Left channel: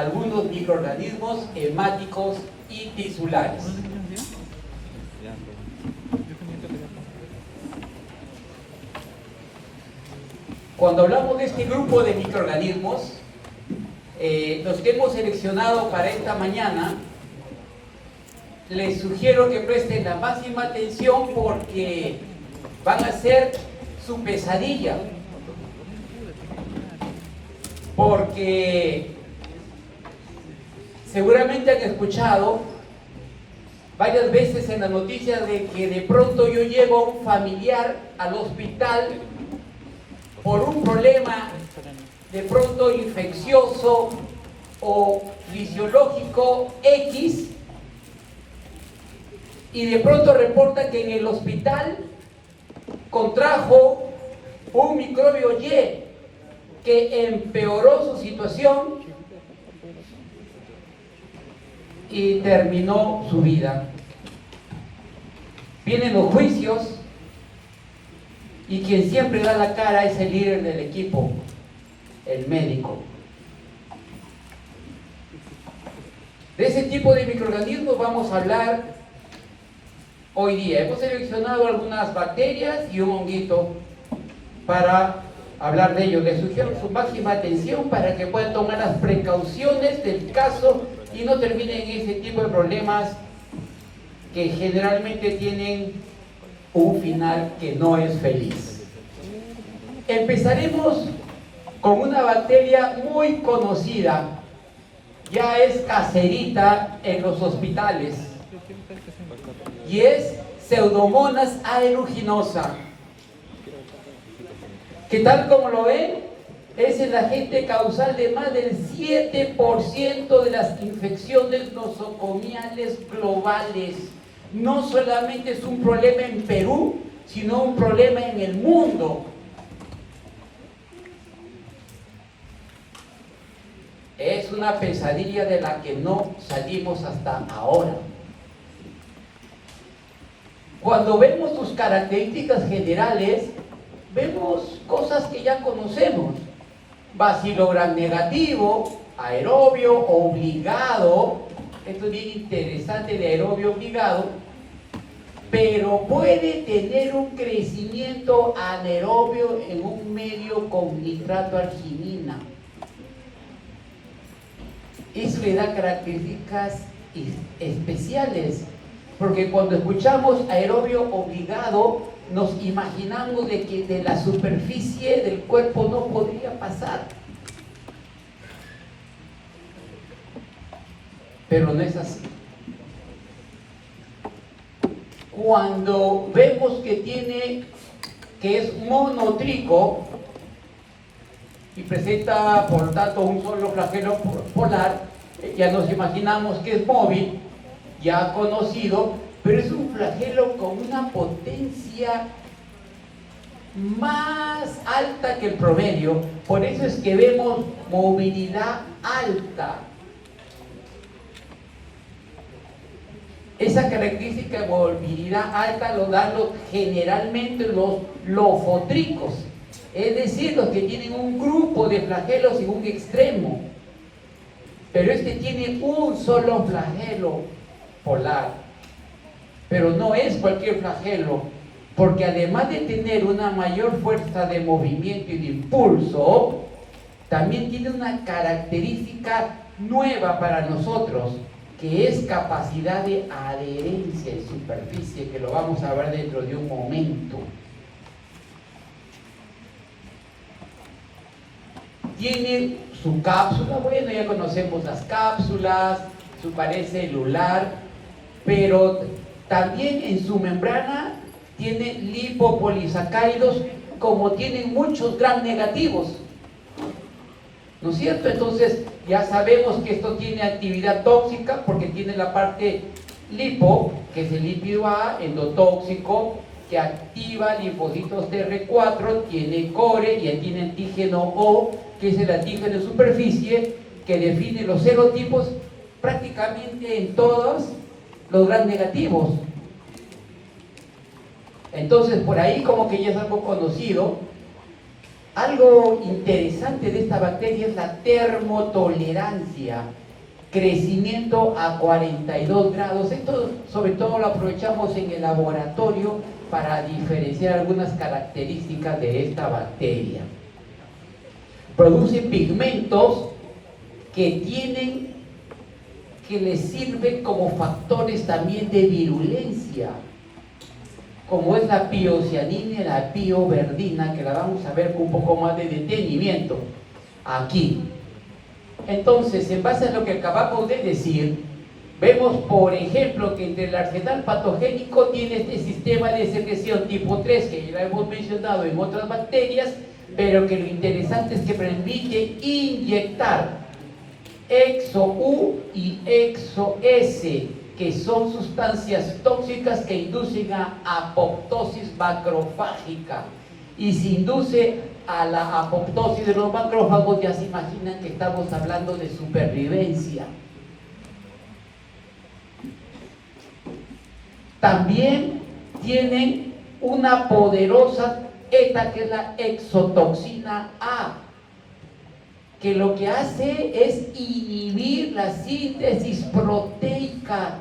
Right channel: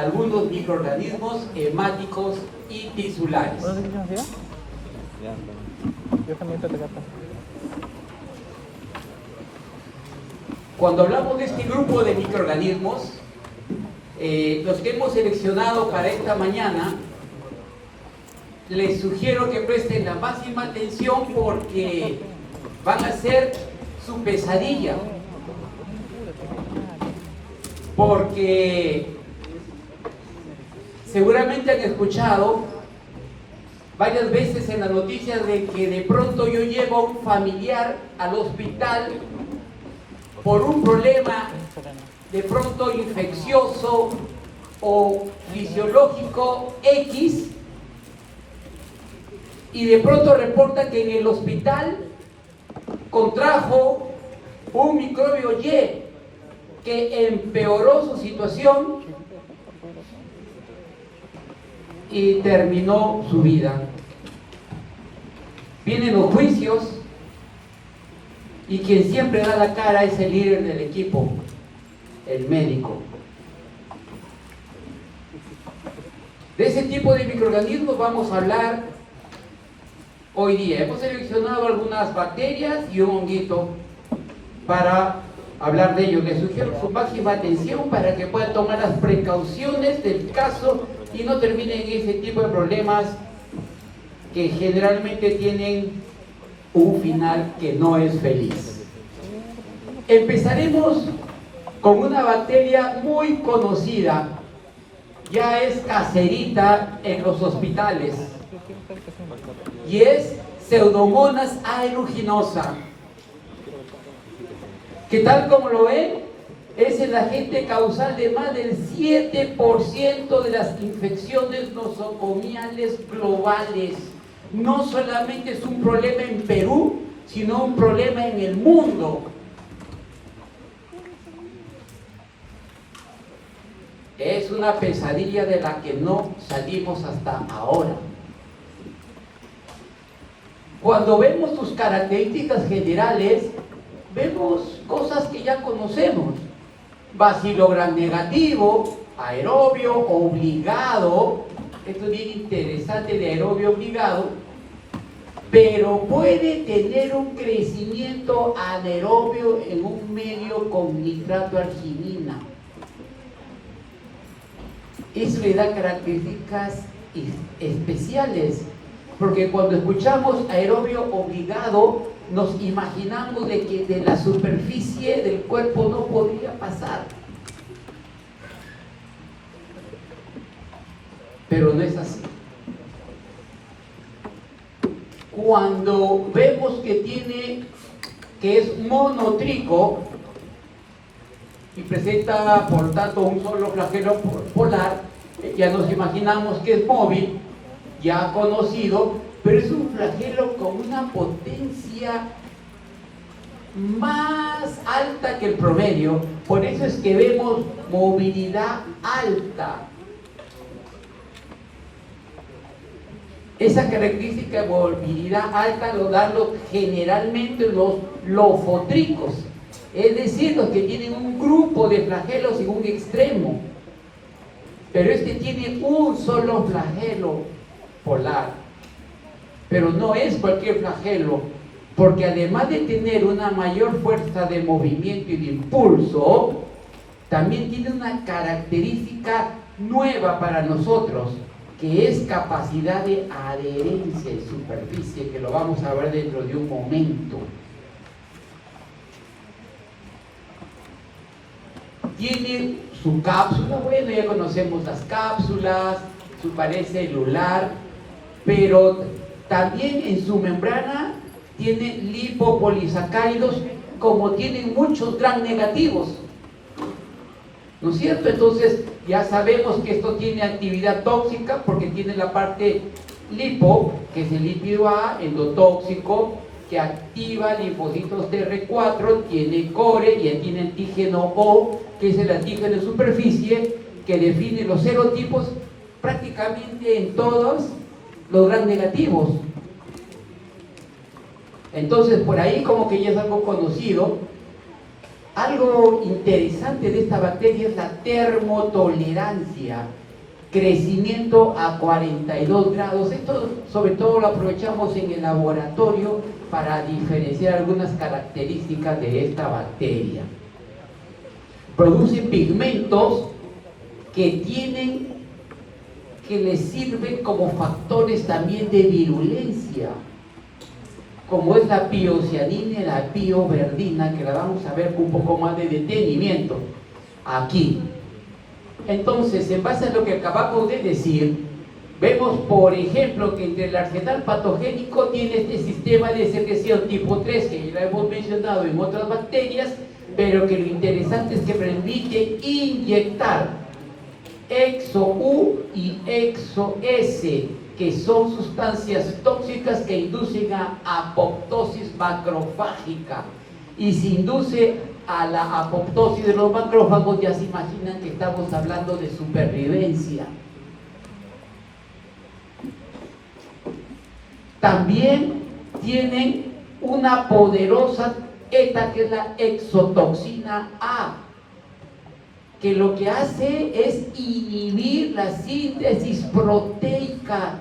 algunos microorganismos hemáticos y tisulares. Cuando hablamos de este grupo de microorganismos, los que hemos seleccionado para esta mañana, les sugiero que presten la máxima atención porque van a ser su pesadilla. Porque seguramente han escuchado varias veces en la noticia de que de pronto yo llevo a un familiar al hospital por un problema de pronto infeccioso o fisiológico X, y de pronto reporta que en el hospital contrajo un microbio Y que empeoró su situación y terminó su vida. Vienen los juicios y quien siempre da la cara es el líder del equipo, el médico. De ese tipo de microorganismos vamos a hablar hoy día. Hemos seleccionado algunas bacterias y un honguito para hablar de ellos. Les sugiero su máxima atención para que puedan tomar las precauciones del caso y no terminen en ese tipo de problemas que generalmente tienen un final que no es feliz. Empezaremos con una bacteria muy conocida, ya es caserita en los hospitales, y es Pseudomonas aeruginosa, que tal como lo ven, es el agente causal de más del 7% de las infecciones nosocomiales globales. No solamente es un problema en Perú, sino un problema en el mundo. Es una pesadilla de la que no salimos hasta ahora. Cuando vemos sus características generales, vemos cosas que ya conocemos. Bacilo gram negativo, aerobio obligado. Esto es bien interesante, el aerobio obligado. Pero puede tener un crecimiento anaerobio en un medio con nitrato arginina. Eso le da características especiales, porque cuando escuchamos aerobio obligado, nos imaginamos de que de la superficie del cuerpo no podría pasar. Pero no es así. Cuando vemos que es monotrico y presenta por tanto un solo flagelo polar, ya nos imaginamos que es móvil, ya conocido, pero es un flagelo con una potencia más alta que el promedio. Por eso es que vemos movilidad alta. Esa característica de movilidad alta lo dan generalmente los lofotricos, es decir, los que tienen un grupo de flagelos en un extremo. Pero este tiene un solo flagelo polar. Pero no es cualquier flagelo, porque además de tener una mayor fuerza de movimiento y de impulso, también tiene una característica nueva para nosotros, que es capacidad de adherencia en superficie, que lo vamos a ver dentro de un momento. Tiene su cápsula, bueno, ya conocemos las cápsulas, su pared celular, pero también en su membrana tiene lipopolisacáridos, como tienen muchos gram negativos, ¿no es cierto? Entonces ya sabemos que esto tiene actividad tóxica porque tiene la parte lipo, que es el lípido A, endotóxico, que activa linfocitos TR4, tiene core y tiene antígeno O, que es el antígeno de superficie, que define los serotipos prácticamente en todos los gram negativos. Entonces por ahí como que ya es algo conocido. Algo interesante de esta bacteria es la termotolerancia, crecimiento a 42 grados. Esto sobre todo lo aprovechamos en el laboratorio para diferenciar algunas características de esta bacteria. Produce pigmentos que les sirven como factores también de virulencia, como es la piocianina y la pioverdina, que la vamos a ver con un poco más de detenimiento aquí. Entonces, en base a lo que acabamos de decir, vemos, por ejemplo, que entre el arsenal patogénico tiene este sistema de secreción tipo 3, que ya hemos mencionado en otras bacterias, pero que lo interesante es que permite inyectar EXO-U y EXO-S, que son sustancias tóxicas que inducen a apoptosis macrofágica. Y si induce a la apoptosis de los macrófagos, ya se imaginan que estamos hablando de supervivencia. También tienen una poderosa ETA, que es la exotoxina A, que lo que hace es inhibir la síntesis proteica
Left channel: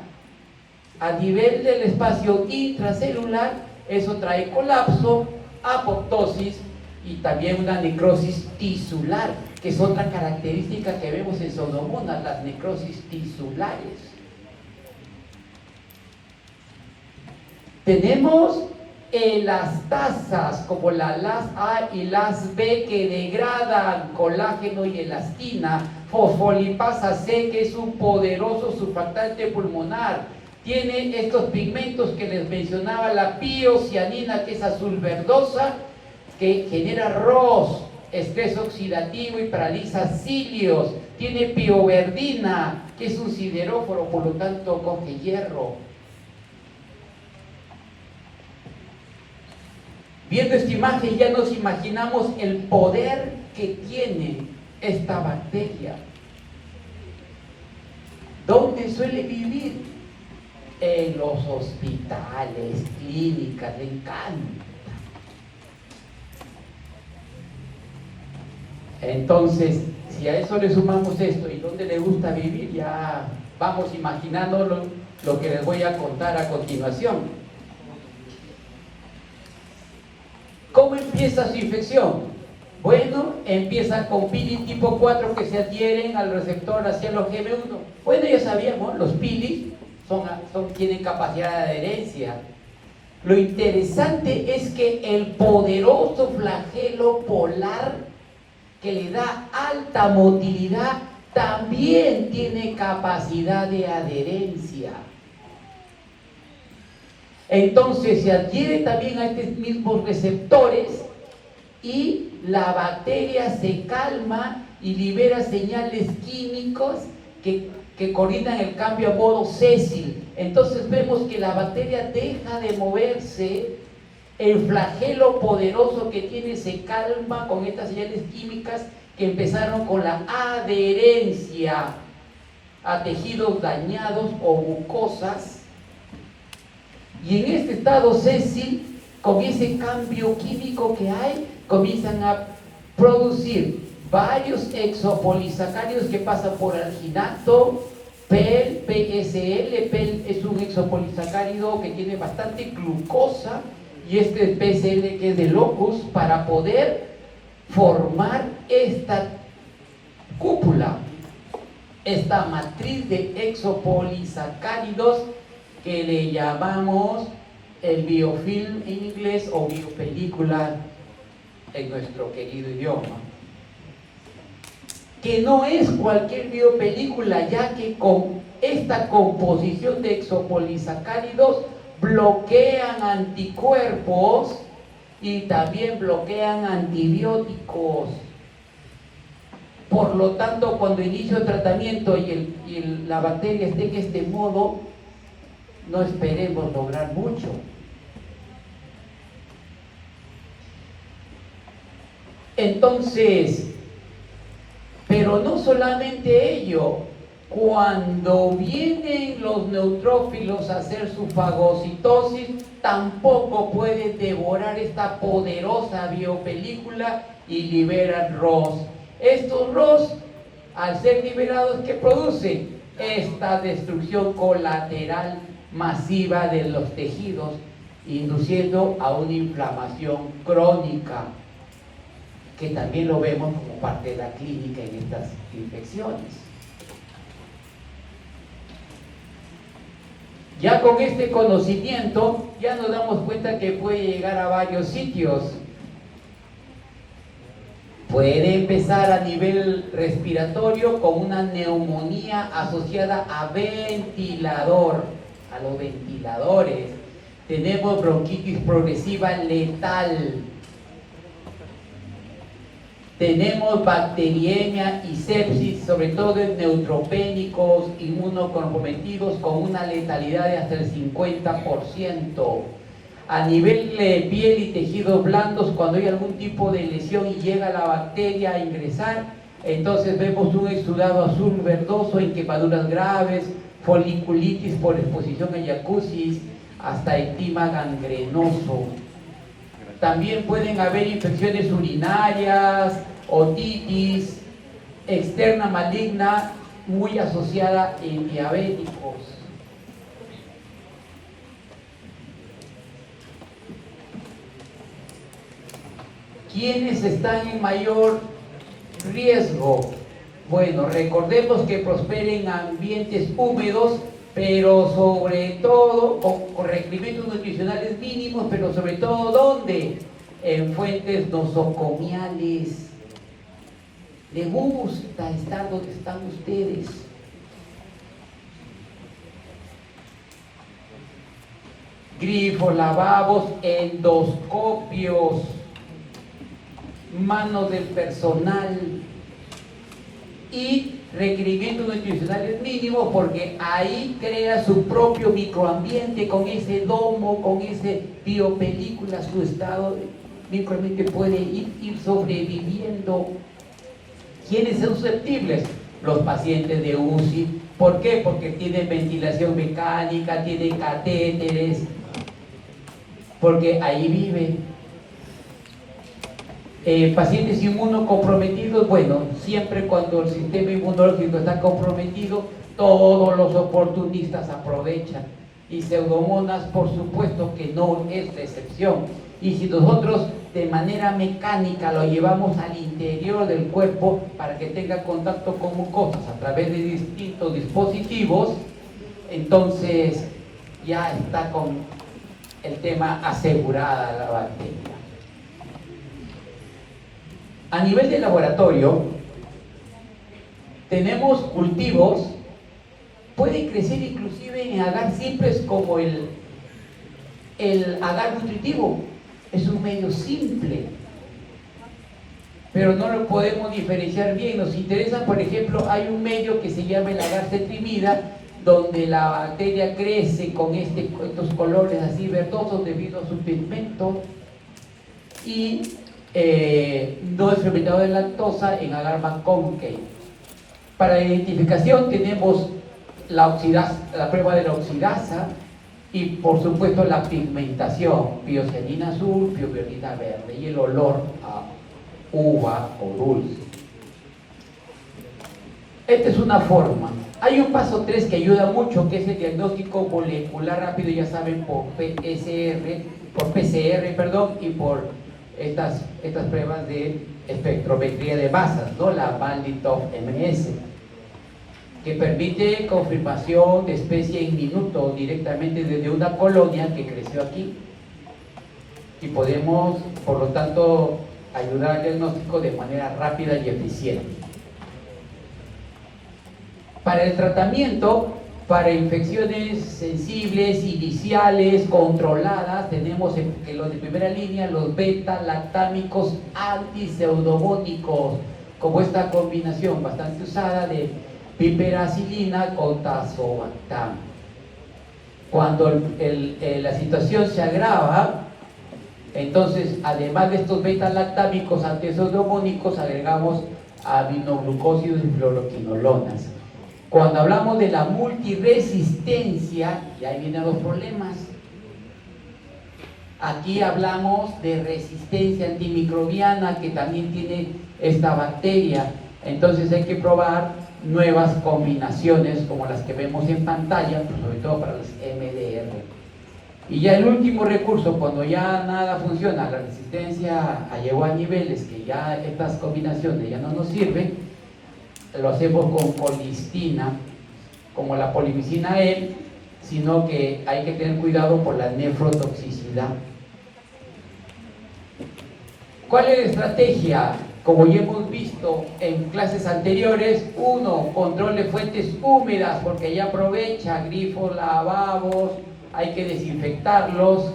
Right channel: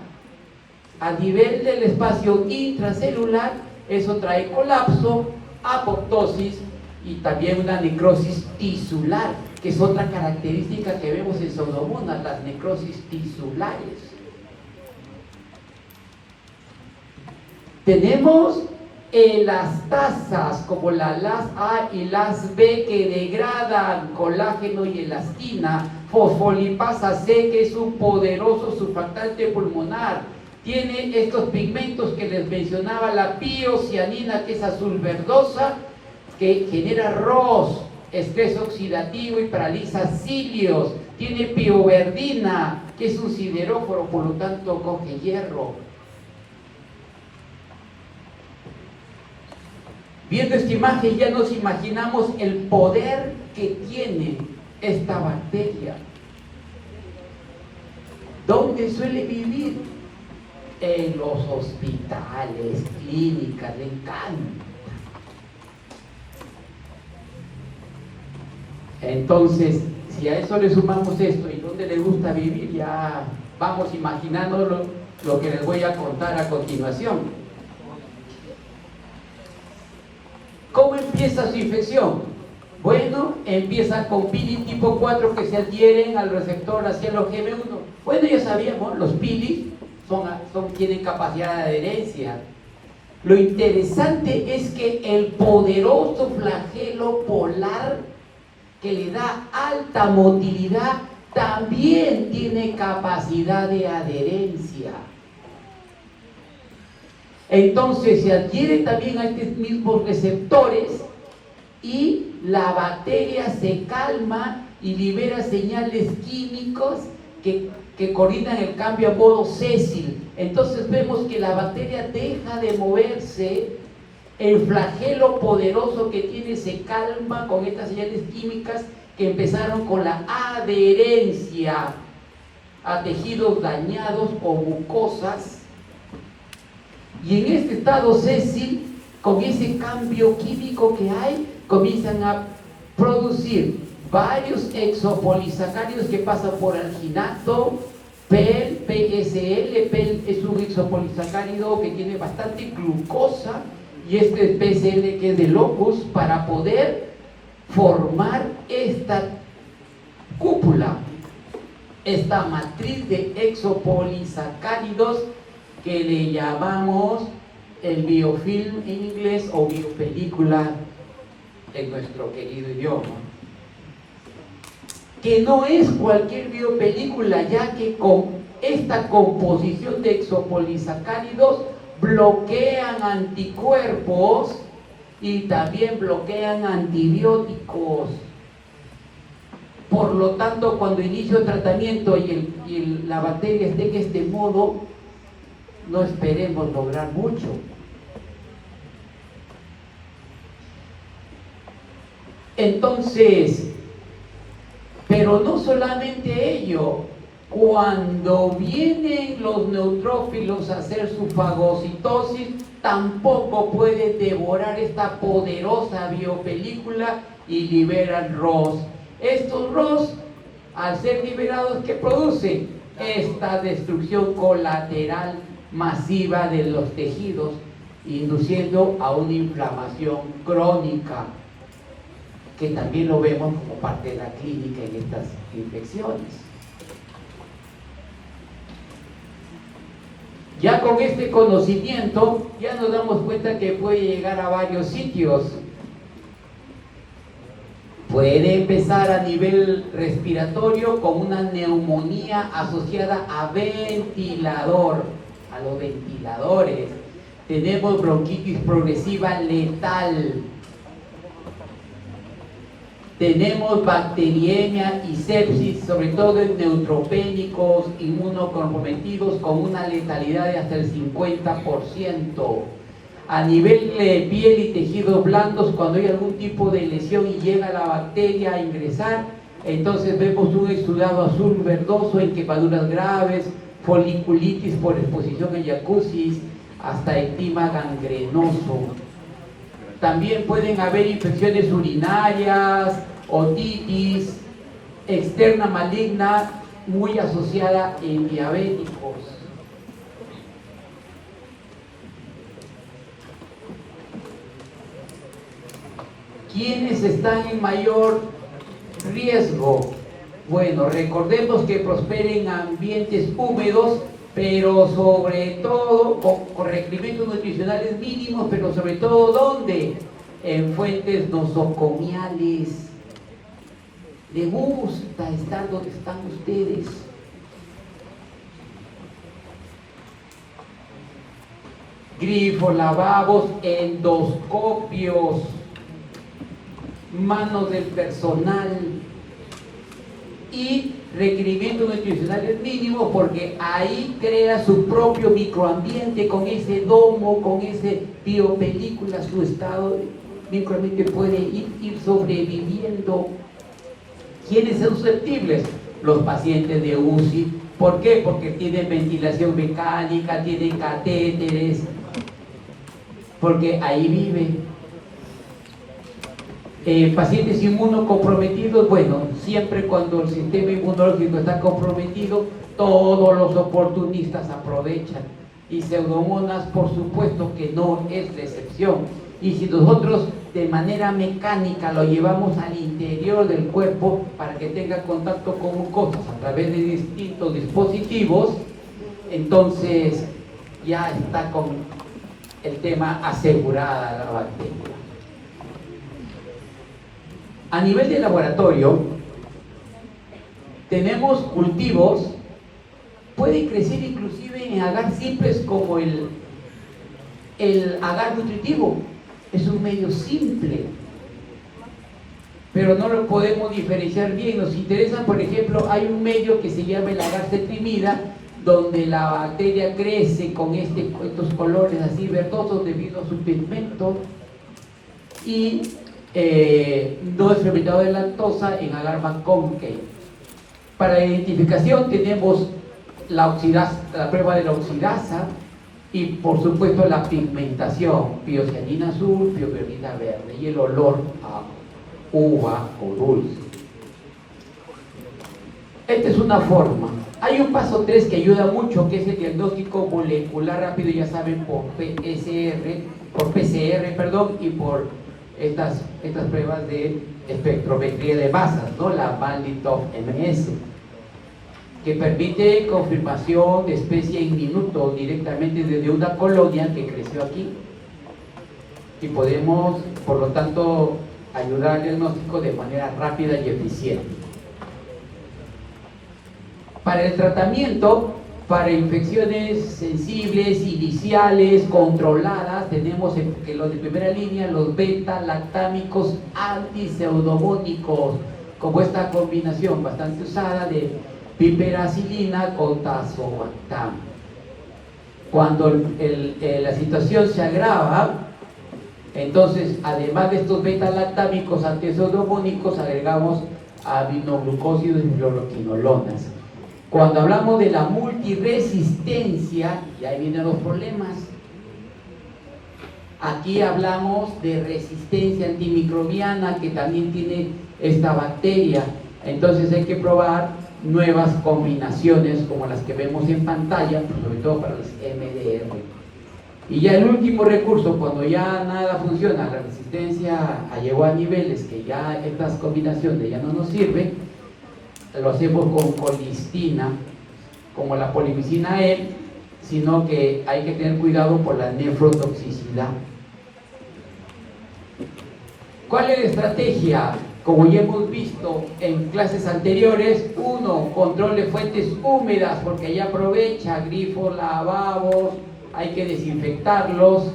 a nivel del espacio intracelular. Eso trae colapso, apoptosis y también una necrosis tisular, que es otra característica que vemos en Pseudomonas, las necrosis tisulares. Tenemos elastasas como la LAS A y LAS B, que degradan colágeno y elastina. Fosfolipasa C, que es un poderoso surfactante pulmonar. Tiene estos pigmentos que les mencionaba, la piocianina, que es azul verdosa, que genera ROS, estrés oxidativo y paraliza cilios. Tiene pioverdina, que es un sideróforo, por lo tanto coge hierro. Viendo esta imagen ya nos imaginamos el poder que tiene esta bacteria. ¿Dónde suele vivir? En los hospitales, clínicas, le encanta. Entonces, si a eso le sumamos esto y dónde le gusta vivir, ya vamos imaginando lo que les voy a contar a continuación. ¿Cómo empieza su infección? Bueno, empieza con pilis tipo 4 que se adhieren al receptor ACLOGM1. Bueno, ya sabíamos, los pilis tienen capacidad de adherencia. Lo interesante es que el poderoso flagelo polar, que le da alta motilidad, también tiene capacidad de adherencia. Entonces se adhiere también a estos mismos receptores y la bacteria se calma y libera señales químicos que coordinan el cambio a modo sésil. Entonces vemos que la bacteria deja de moverse, el flagelo poderoso que tiene se calma con estas señales químicas que empezaron con la adherencia a tejidos dañados o mucosas. Y en este estado sésil, con ese cambio químico que hay, comienzan a producir varios exopolisacáridos que pasan por alginato, PEL, PSL. PEL es un exopolisacárido que tiene bastante glucosa, y este PSL, que es de locus, para poder formar esta cúpula, esta matriz de exopolisacáridos que le llamamos el biofilm en inglés o biopelícula en nuestro querido idioma, que no es cualquier biopelícula, ya que con esta composición de exopolisacáridos bloquean anticuerpos y también bloquean antibióticos. Por lo tanto, cuando inicio el tratamiento y la bacteria esté en este modo, no esperemos lograr mucho. Entonces, pero no solamente ello, cuando vienen los neutrófilos a hacer su fagocitosis, tampoco puede devorar esta poderosa biopelícula y liberan ROS. Estos ROS, al ser liberados, ¿qué producen? Esta destrucción colateral masiva de los tejidos, induciendo a una inflamación crónica, que también lo vemos como parte de la clínica en estas infecciones. Ya con este conocimiento, ya nos damos cuenta que puede llegar a varios sitios. Puede empezar a nivel respiratorio con una neumonía asociada a ventilador, a los ventiladores. Tenemos bronquitis progresiva letal. Tenemos bacteriemia y sepsis, sobre todo en neutropénicos, inmunocomprometidos, con una letalidad de hasta el 50%. A nivel de piel y tejidos blandos, cuando hay algún tipo de lesión y llega la bacteria a ingresar, entonces vemos un exudado azul verdoso en quemaduras graves, foliculitis por exposición a jacuzzi, hasta eczema gangrenoso. También pueden haber infecciones urinarias, otitis externa maligna muy asociada en diabéticos. ¿Quiénes están en mayor riesgo? Bueno, recordemos que prosperen ambientes húmedos, pero sobre todo con requerimientos nutricionales mínimos, pero sobre todo ¿dónde? En fuentes nosocomiales. ¿Les gusta estar donde están ustedes? Grifos, lavabos, endoscopios, manos del personal y requerimientos nutricionales mínimos, porque ahí crea su propio microambiente con ese domo, con ese biopelícula, su estado microambiente puede ir sobreviviendo. ¿Quiénes son susceptibles? Los pacientes de UCI. ¿Por qué? Porque tienen ventilación mecánica, tienen catéteres, porque ahí viven. Pacientes inmunocomprometidos, bueno, siempre cuando el sistema inmunológico está comprometido, todos los oportunistas aprovechan. Y Pseudomonas, por supuesto que no es la excepción. Y si nosotros de manera mecánica lo llevamos al interior del cuerpo para que tenga contacto con mucosas a través de distintos dispositivos, entonces ya está con el tema asegurada la bacteria. A nivel de laboratorio, tenemos cultivos, pueden crecer inclusive en agar simples como el agar nutritivo. Es un medio simple, pero no lo podemos diferenciar bien. Nos interesa, por ejemplo, hay un medio que se llama el agar cetrimida, donde la bacteria crece con estos colores así verdosos debido a su pigmento, y no es fermentado de lactosa en agar McConkey. Para la identificación tenemos la prueba de la oxidasa y por supuesto la pigmentación, piosgenina azul, pioperdina verde, y el olor a uva o dulce. Esta es una forma. Hay un paso 3 que ayuda mucho, que es el diagnóstico molecular rápido, ya saben, por PCR, y por estas pruebas de espectrometría de masas, ¿no? La Banditov MS, que permite confirmación de especie en minutos directamente desde una colonia que creció aquí, y podemos, por lo tanto, ayudar al diagnóstico de manera rápida y eficiente. Para el tratamiento, para infecciones sensibles, iniciales, controladas, tenemos que los de primera línea, los beta-lactámicos antiseudomónicos, como esta combinación bastante usada de piperacilina con tazobactam. Cuando la situación se agrava, entonces, además de estos beta-lactámicos antiseudomónicos, agregamos aminoglucósidos y fluoroquinolonas. Cuando hablamos de la multiresistencia, y ahí vienen los problemas. Aquí hablamos de resistencia antimicrobiana que también tiene esta bacteria. Entonces hay que probar nuevas combinaciones como las que vemos en pantalla, sobre todo para los MDR. Y ya el último recurso, cuando ya nada funciona, la resistencia llegó a niveles que ya estas combinaciones ya no nos sirven, lo hacemos con colistina, como la polimicina E, sino que hay que tener cuidado por la nefrotoxicidad. ¿Cuál es la estrategia? Como ya hemos visto en clases anteriores, uno, control de fuentes húmedas, porque ya aprovecha grifos, lavabos, hay que desinfectarlos.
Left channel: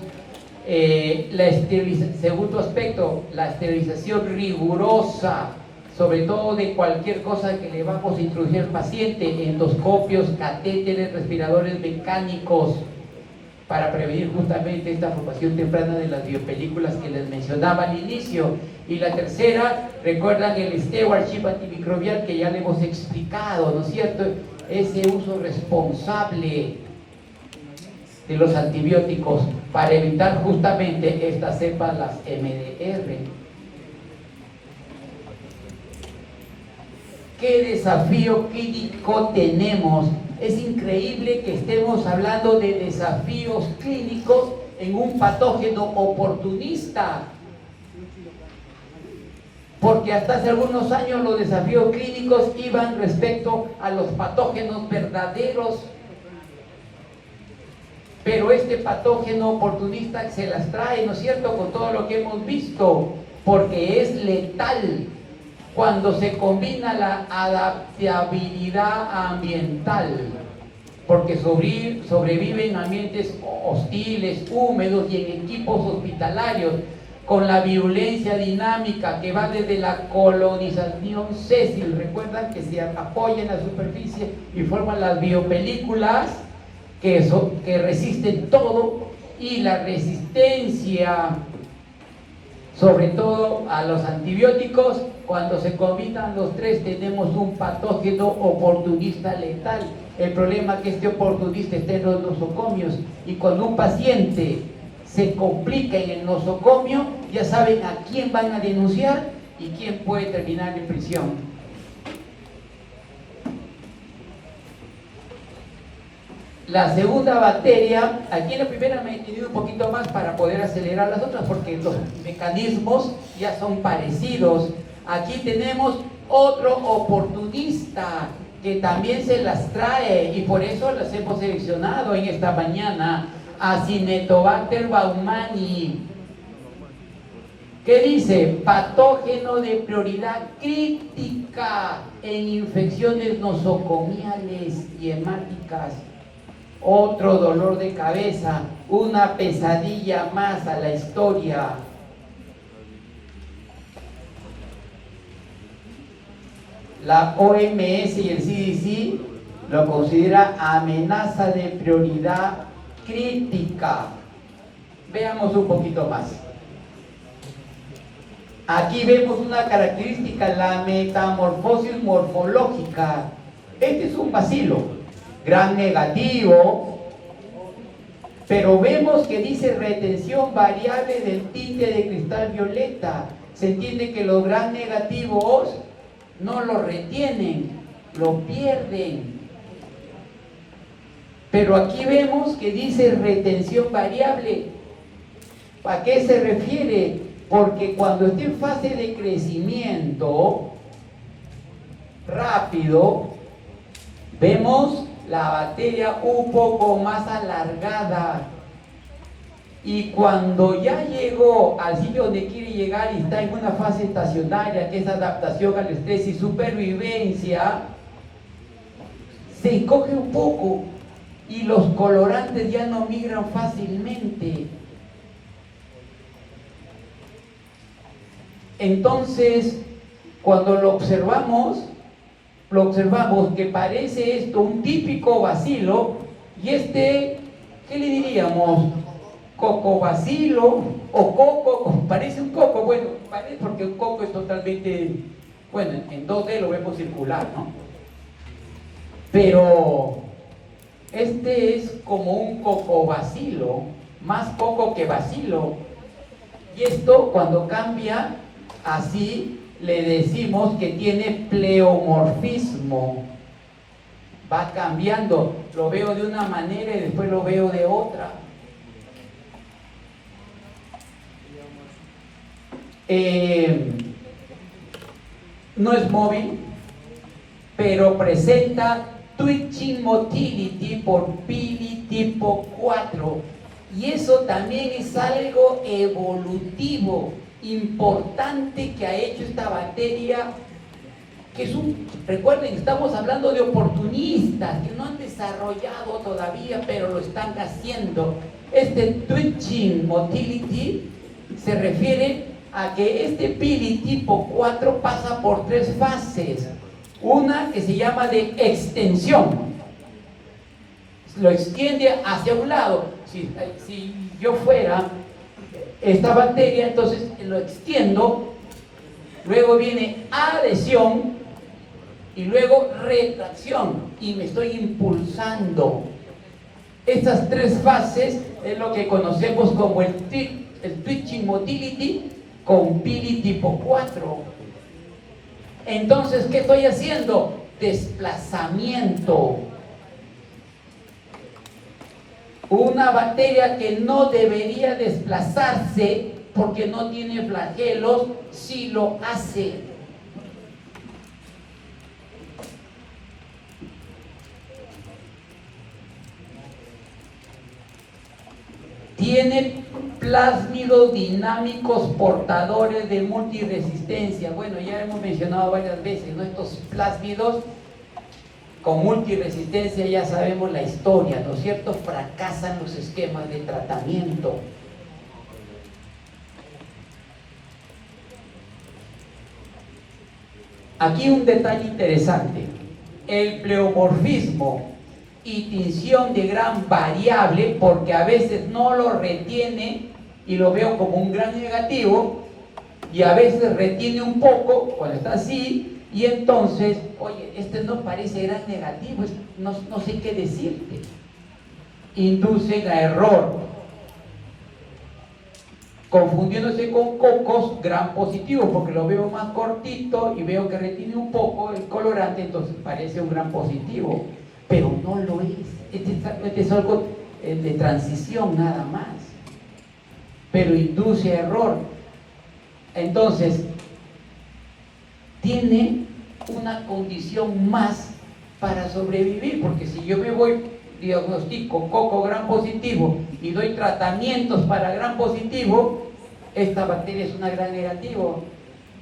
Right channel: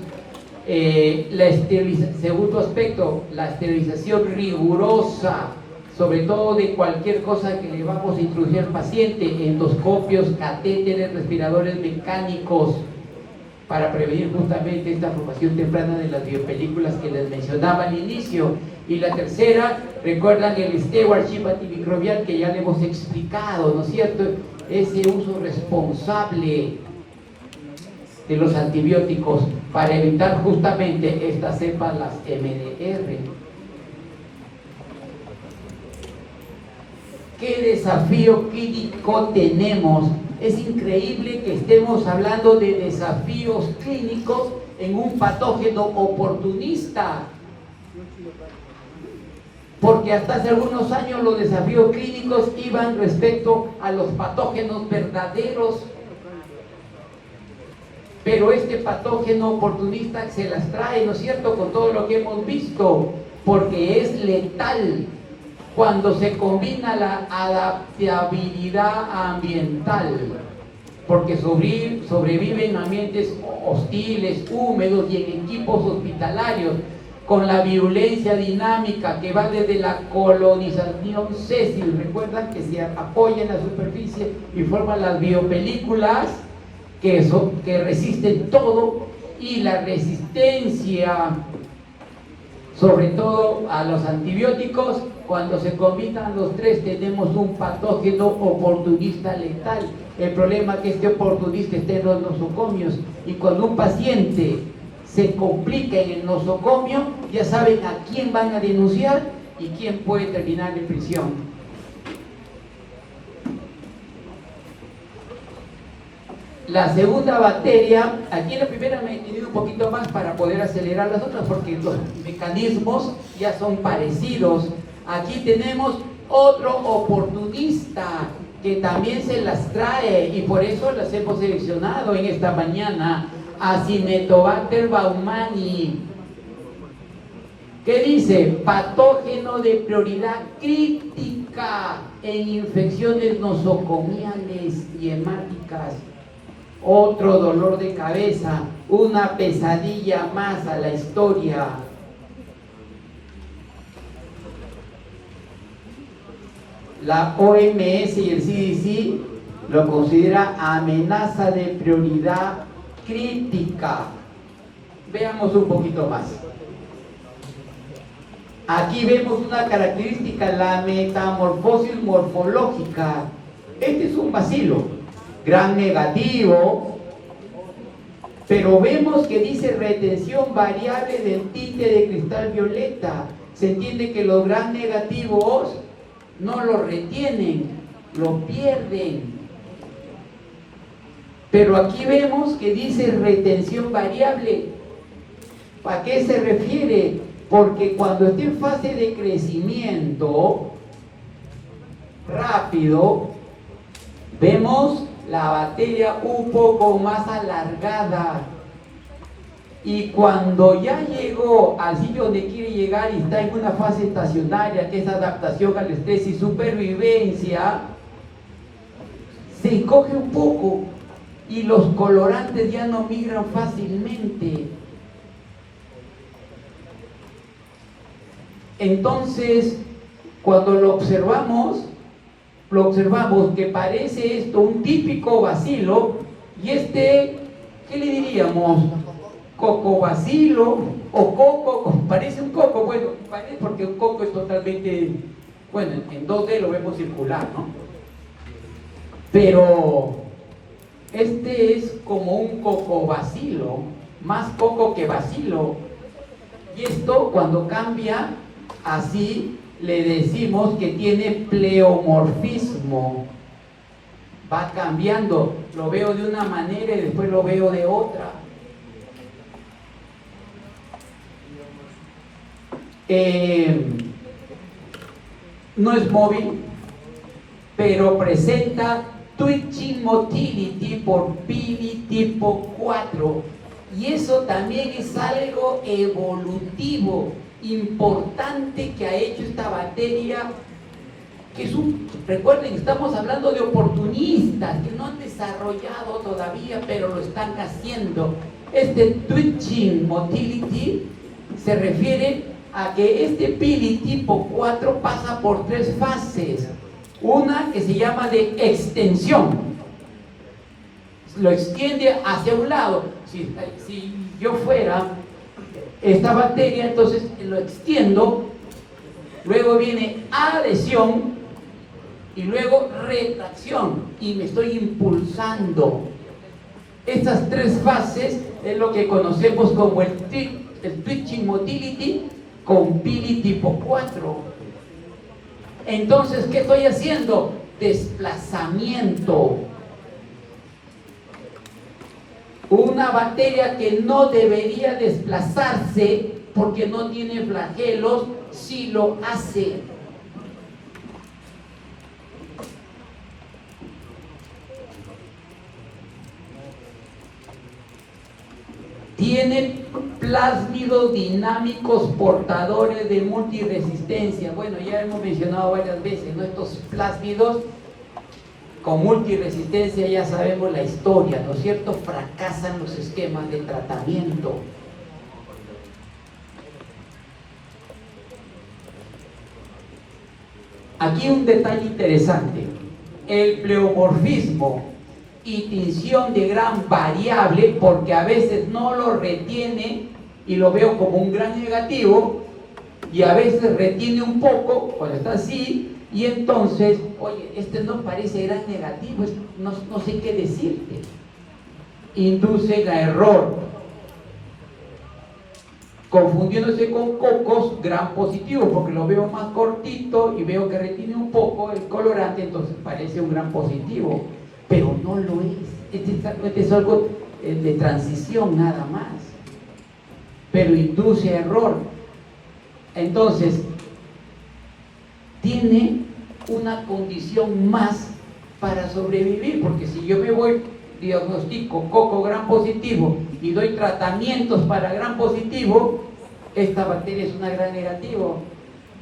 Segundo aspecto, la esterilización rigurosa, sobre todo de cualquier cosa que le vamos a introducir al paciente, endoscopios, catéteres, respiradores mecánicos, para prevenir justamente esta formación temprana de las biopelículas que les mencionaba al inicio. Y la tercera, recuerdan el stewardship antimicrobial que ya le hemos explicado, ¿no es cierto? Ese uso responsable de los antibióticos para evitar justamente estas cepas, las MDR. ¿Qué desafío clínico tenemos? Es increíble que estemos hablando de desafíos clínicos en un patógeno oportunista, porque hasta hace algunos años los desafíos clínicos iban respecto a los patógenos verdaderos, pero este patógeno oportunista se las trae, ¿no es cierto?, con todo lo que hemos visto, porque es letal cuando se combina la adaptabilidad ambiental, porque sobrevive en ambientes hostiles, húmedos y en equipos hospitalarios, con la virulencia dinámica que va desde la colonización sésil, recuerdan que se apoya en la superficie y forman las biopelículas que resisten todo, y la resistencia sobre todo a los antibióticos. Cuando se combinan los tres tenemos un patógeno oportunista letal. El problema es que este oportunista está en los nosocomios, y cuando un paciente se complica en el nosocomio, ya saben a quién van a denunciar y quién puede terminar en prisión. La segunda bacteria, aquí la primera me he tenido un poquito más para poder acelerar las otras, porque los mecanismos ya son parecidos. Aquí tenemos otro oportunista que también se las trae, y por eso las hemos seleccionado en esta mañana. Acinetobacter baumannii. ¿Qué dice? Patógeno de prioridad crítica en infecciones nosocomiales y hemáticas. Otro dolor de cabeza, una pesadilla más a la historia. La OMS y el CDC lo considera amenaza de prioridad crítica. Veamos un poquito más. Aquí vemos una característica, la metamorfosis morfológica. Este es un bacilo, gran negativo, pero vemos que dice retención variable del tinte de cristal violeta. Se entiende que los gran negativos no lo retienen, lo pierden. Pero aquí vemos que dice retención variable. ¿A qué se refiere? Porque cuando esté en fase de crecimiento rápido, vemos la bacteria un poco más alargada, y cuando ya llegó al sitio donde quiere llegar y está en una fase estacionaria, que es adaptación al estrés y supervivencia, se encoge un poco y los colorantes ya no migran fácilmente. Entonces, cuando lo observamos que parece esto un típico bacilo, y este, ¿qué le diríamos? Cocobacilo o coco, parece un coco, bueno, parece porque un coco es totalmente, bueno, en 2D lo vemos circular, ¿no? Pero este es como un cocobacilo, más poco que bacilo. Y esto cuando cambia así, le decimos que tiene pleomorfismo. Va cambiando, lo veo de una manera y después lo veo de otra. No es móvil, pero presenta twitching motility por Pili tipo 4, y eso también es algo evolutivo importante que ha hecho esta bacteria, que es recuerden, estamos hablando de oportunistas que no han desarrollado todavía, pero lo están haciendo. Este twitching motility se refiere a que este Pili tipo 4 pasa por 3 fases. Una que se llama de extensión, lo extiende hacia un lado. Si yo fuera esta bacteria, entonces lo extiendo, luego viene adhesión y luego retracción, y me estoy impulsando. Estas 3 fases es lo que conocemos como el twitching motility con Pili tipo 4. Entonces, ¿qué estoy haciendo? Desplazamiento. Una bacteria que no debería desplazarse porque no tiene flagelos, sí lo hace. Tienen plásmidos dinámicos portadores de multiresistencia. Bueno, ya hemos mencionado varias veces, ¿no? Estos plásmidos con multiresistencia, ya sabemos la historia, ¿no es cierto? Fracasan los esquemas de tratamiento. Aquí un detalle interesante: el pleomorfismo y tinción de gran variable, porque a veces no lo retiene y lo veo como un gran negativo, y a veces retiene un poco cuando está así, y entonces, oye, este no parece gran negativo, no sé qué decirte. Induce a error, confundiéndose con cocos gran positivo, porque lo veo más cortito y veo que retiene un poco el colorante, entonces parece un gran positivo, pero no lo es. Este es algo de transición nada más, pero induce error. Entonces tiene una condición más para sobrevivir, porque si yo me voy, diagnostico coco gran positivo y doy tratamientos para gran positivo, esta bacteria es una gran negativo,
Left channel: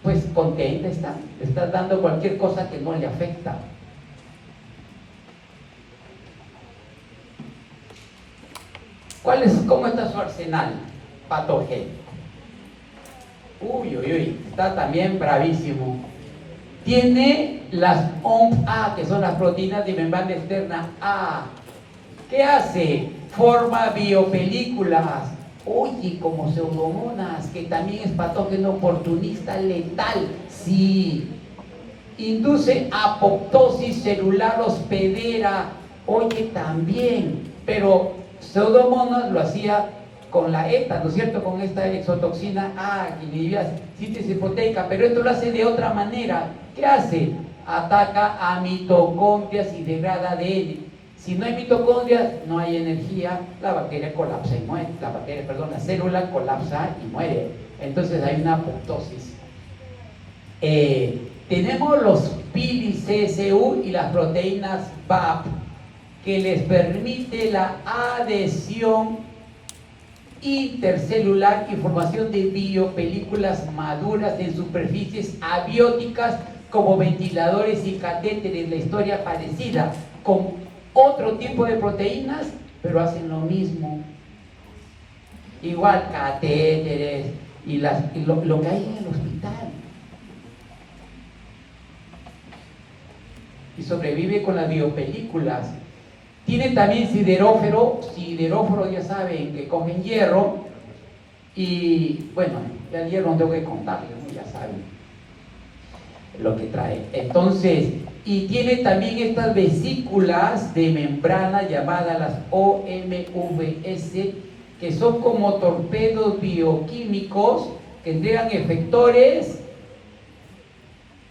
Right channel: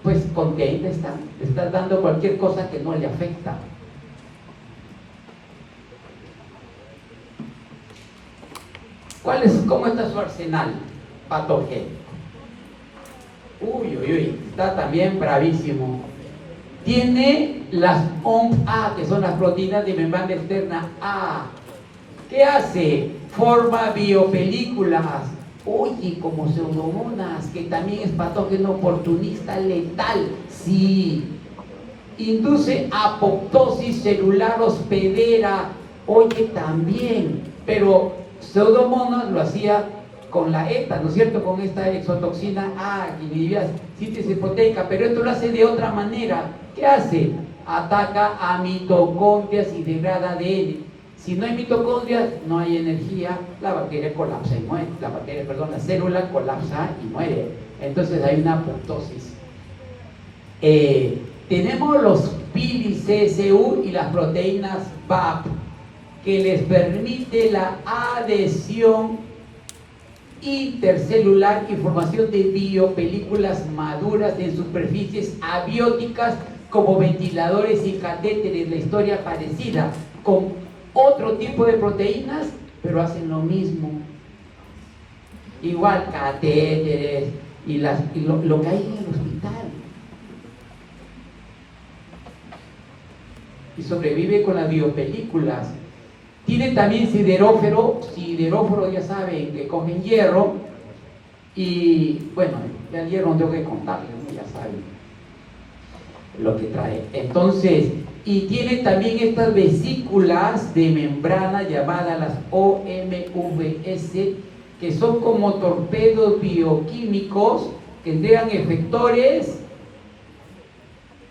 pues contenta está, le estás dando cualquier cosa que no le afecta. ¿Cómo está su arsenal patogénico? Uy, está también bravísimo. Tiene las OMP-A, que son las proteínas de membrana externa A. ¿Qué hace? Forma biopelículas. Oye, como pseudomonas, que también es patógeno oportunista letal. Sí. Induce apoptosis celular hospedera. Oye, también. Pero pseudomonas lo hacía con la ETA, ¿no es cierto? Con esta exotoxina A, que inhibía síntesis proteica, pero esto lo hace de otra manera. ¿Qué hace? Ataca a mitocondrias y degrada ADN. Si no hay mitocondrias, no hay energía, la bacteria colapsa y muere. La célula colapsa y muere. Entonces hay una apoptosis. Tenemos los Pili-CSU y las proteínas BAP, que les permite la adhesión intercelular y formación de biopelículas maduras en superficies abióticas como ventiladores y catéteres. La historia parecida con otro tipo de proteínas, pero hacen lo mismo. Igual catéteres y lo que hay en el hospital. Y sobrevive con las biopelículas. Tiene también sideróforo ya saben que comen hierro, y bueno, el hierro no tengo que contarles, ¿no? Ya saben lo que trae. Entonces, y tiene también estas vesículas de membrana llamadas las OMVS, que son como torpedos bioquímicos que entregan efectores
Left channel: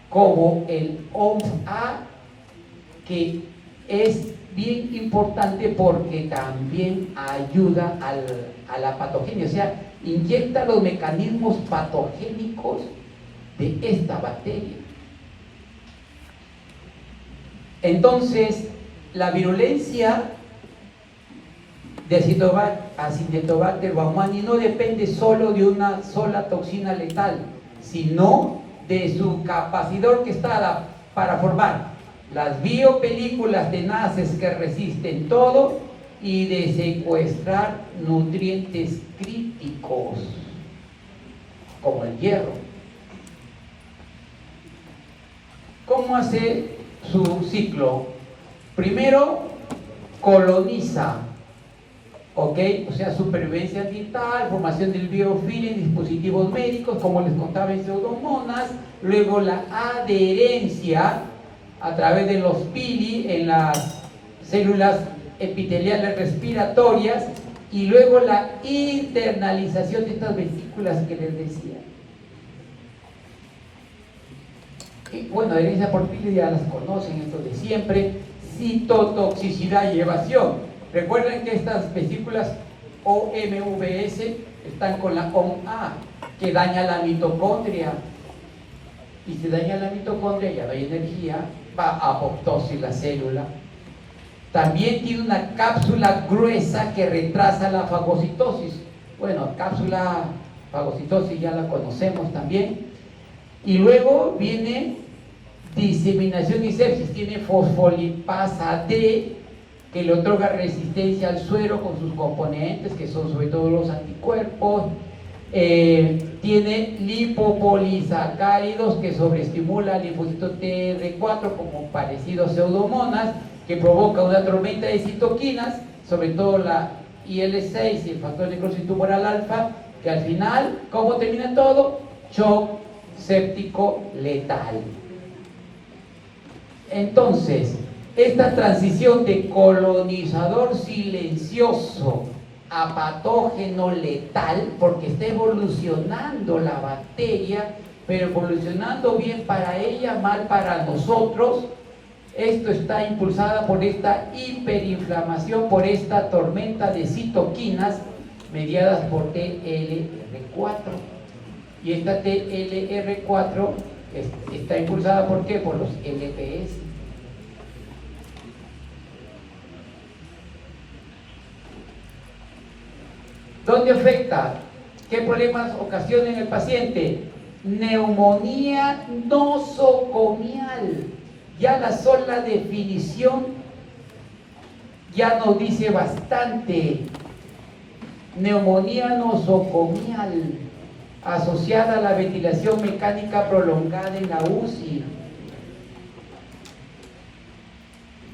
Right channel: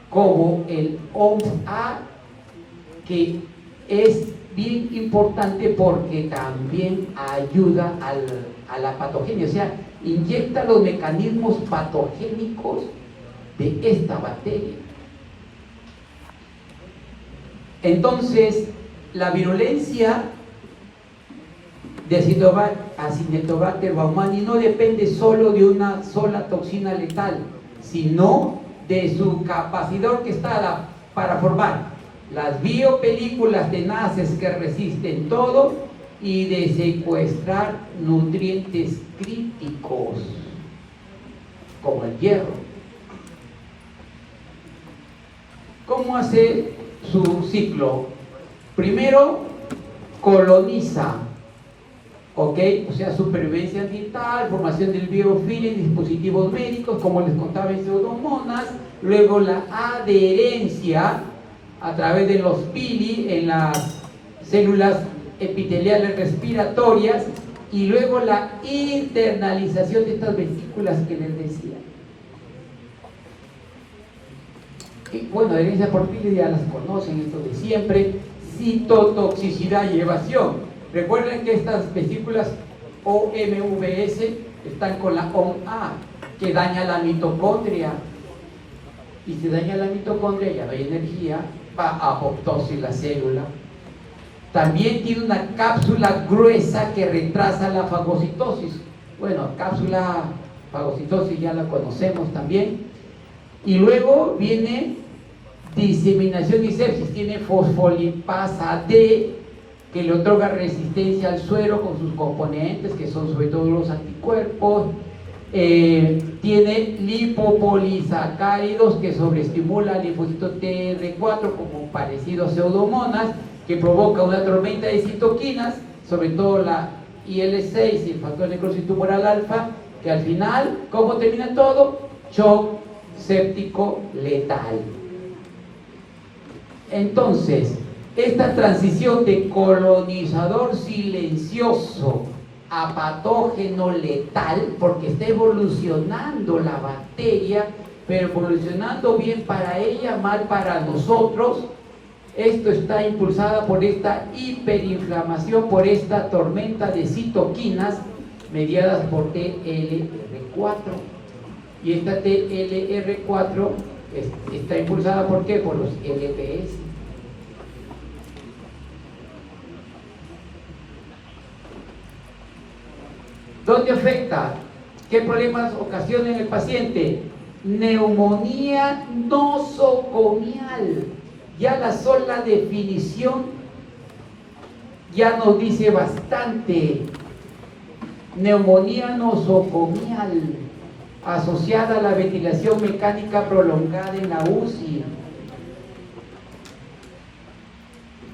como el OMS-A, que es bien importante porque también ayuda a la patogenia, o sea, inyecta los mecanismos patogénicos de esta bacteria. Entonces, la virulencia de Acinetobacter baumannii no depende solo de una sola toxina letal, sino de su capacidad orquestada para formar las biopelículas tenaces que resisten todo y de secuestrar nutrientes críticos como el hierro. ¿Cómo hace su ciclo? Primero coloniza, ¿ok? O sea, supervivencia ambiental, formación del biofilm en dispositivos médicos, como les contaba en Pseudomonas, luego la adherencia a través de los pili en las células epiteliales respiratorias, y luego la internalización de estas vesículas que les decía. Y bueno, adherencia por pili ya las conocen, esto de siempre. Citotoxicidad y evasión. Recuerden que estas vesículas OMVS están con la OMA, que daña la mitocondria. Y si daña la mitocondria, ya no hay energía, va a apoptosis la célula. También tiene una cápsula gruesa que retrasa la fagocitosis. Bueno, cápsula fagocitosis ya la conocemos también. Y luego viene diseminación y sepsis. Tiene fosfolipasa D, que le otorga resistencia al suero con sus componentes, que son sobre todo los anticuerpos. Tiene lipopolisacáridos que sobreestimula el linfocito TR4, como parecido a Pseudomonas, que provoca una tormenta de citoquinas, sobre todo la IL-6, el factor necrosis tumoral alfa, que al final, ¿cómo termina todo? Shock séptico letal. Entonces, esta transición de colonizador silencioso a patógeno letal, porque está evolucionando la bacteria, pero evolucionando bien para ella, mal para nosotros. Esto está impulsada por esta hiperinflamación, por esta tormenta de citoquinas mediadas por TLR4. Y esta TLR4 está impulsada ¿por qué? Por los LPS. ¿Dónde afecta? ¿Qué problemas ocasiona en el paciente? Neumonía nosocomial. Ya la sola definición ya nos dice bastante. Neumonía nosocomial asociada a la ventilación mecánica prolongada en la UCI.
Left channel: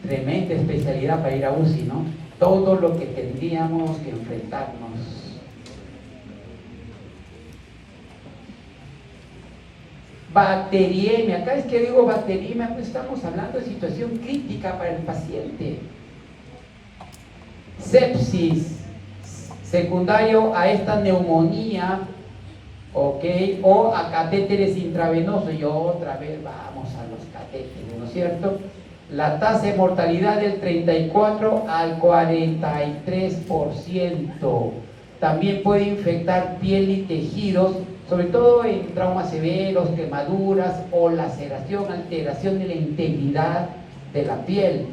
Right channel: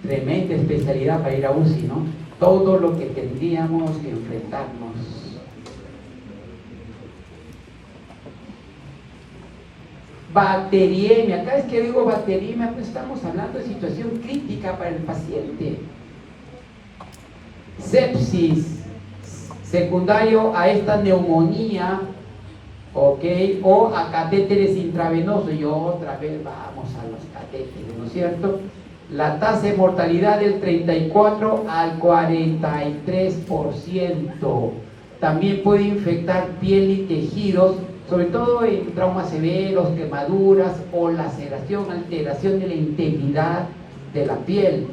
Tremenda especialidad para ir a UCI, ¿no? Todo lo que tendríamos que enfrentarnos. Bacteriemia. Cada vez que digo bacteriemia, pues estamos hablando de situación crítica para el paciente. Sepsis, secundario a esta neumonía, ¿ok? O a catéteres intravenosos. Y otra vez vamos a los catéteres, ¿no es cierto? La tasa de mortalidad del 34 al 43%. También puede infectar piel y tejidos, sobre todo en traumas severos, quemaduras o laceración, alteración de la integridad de la piel.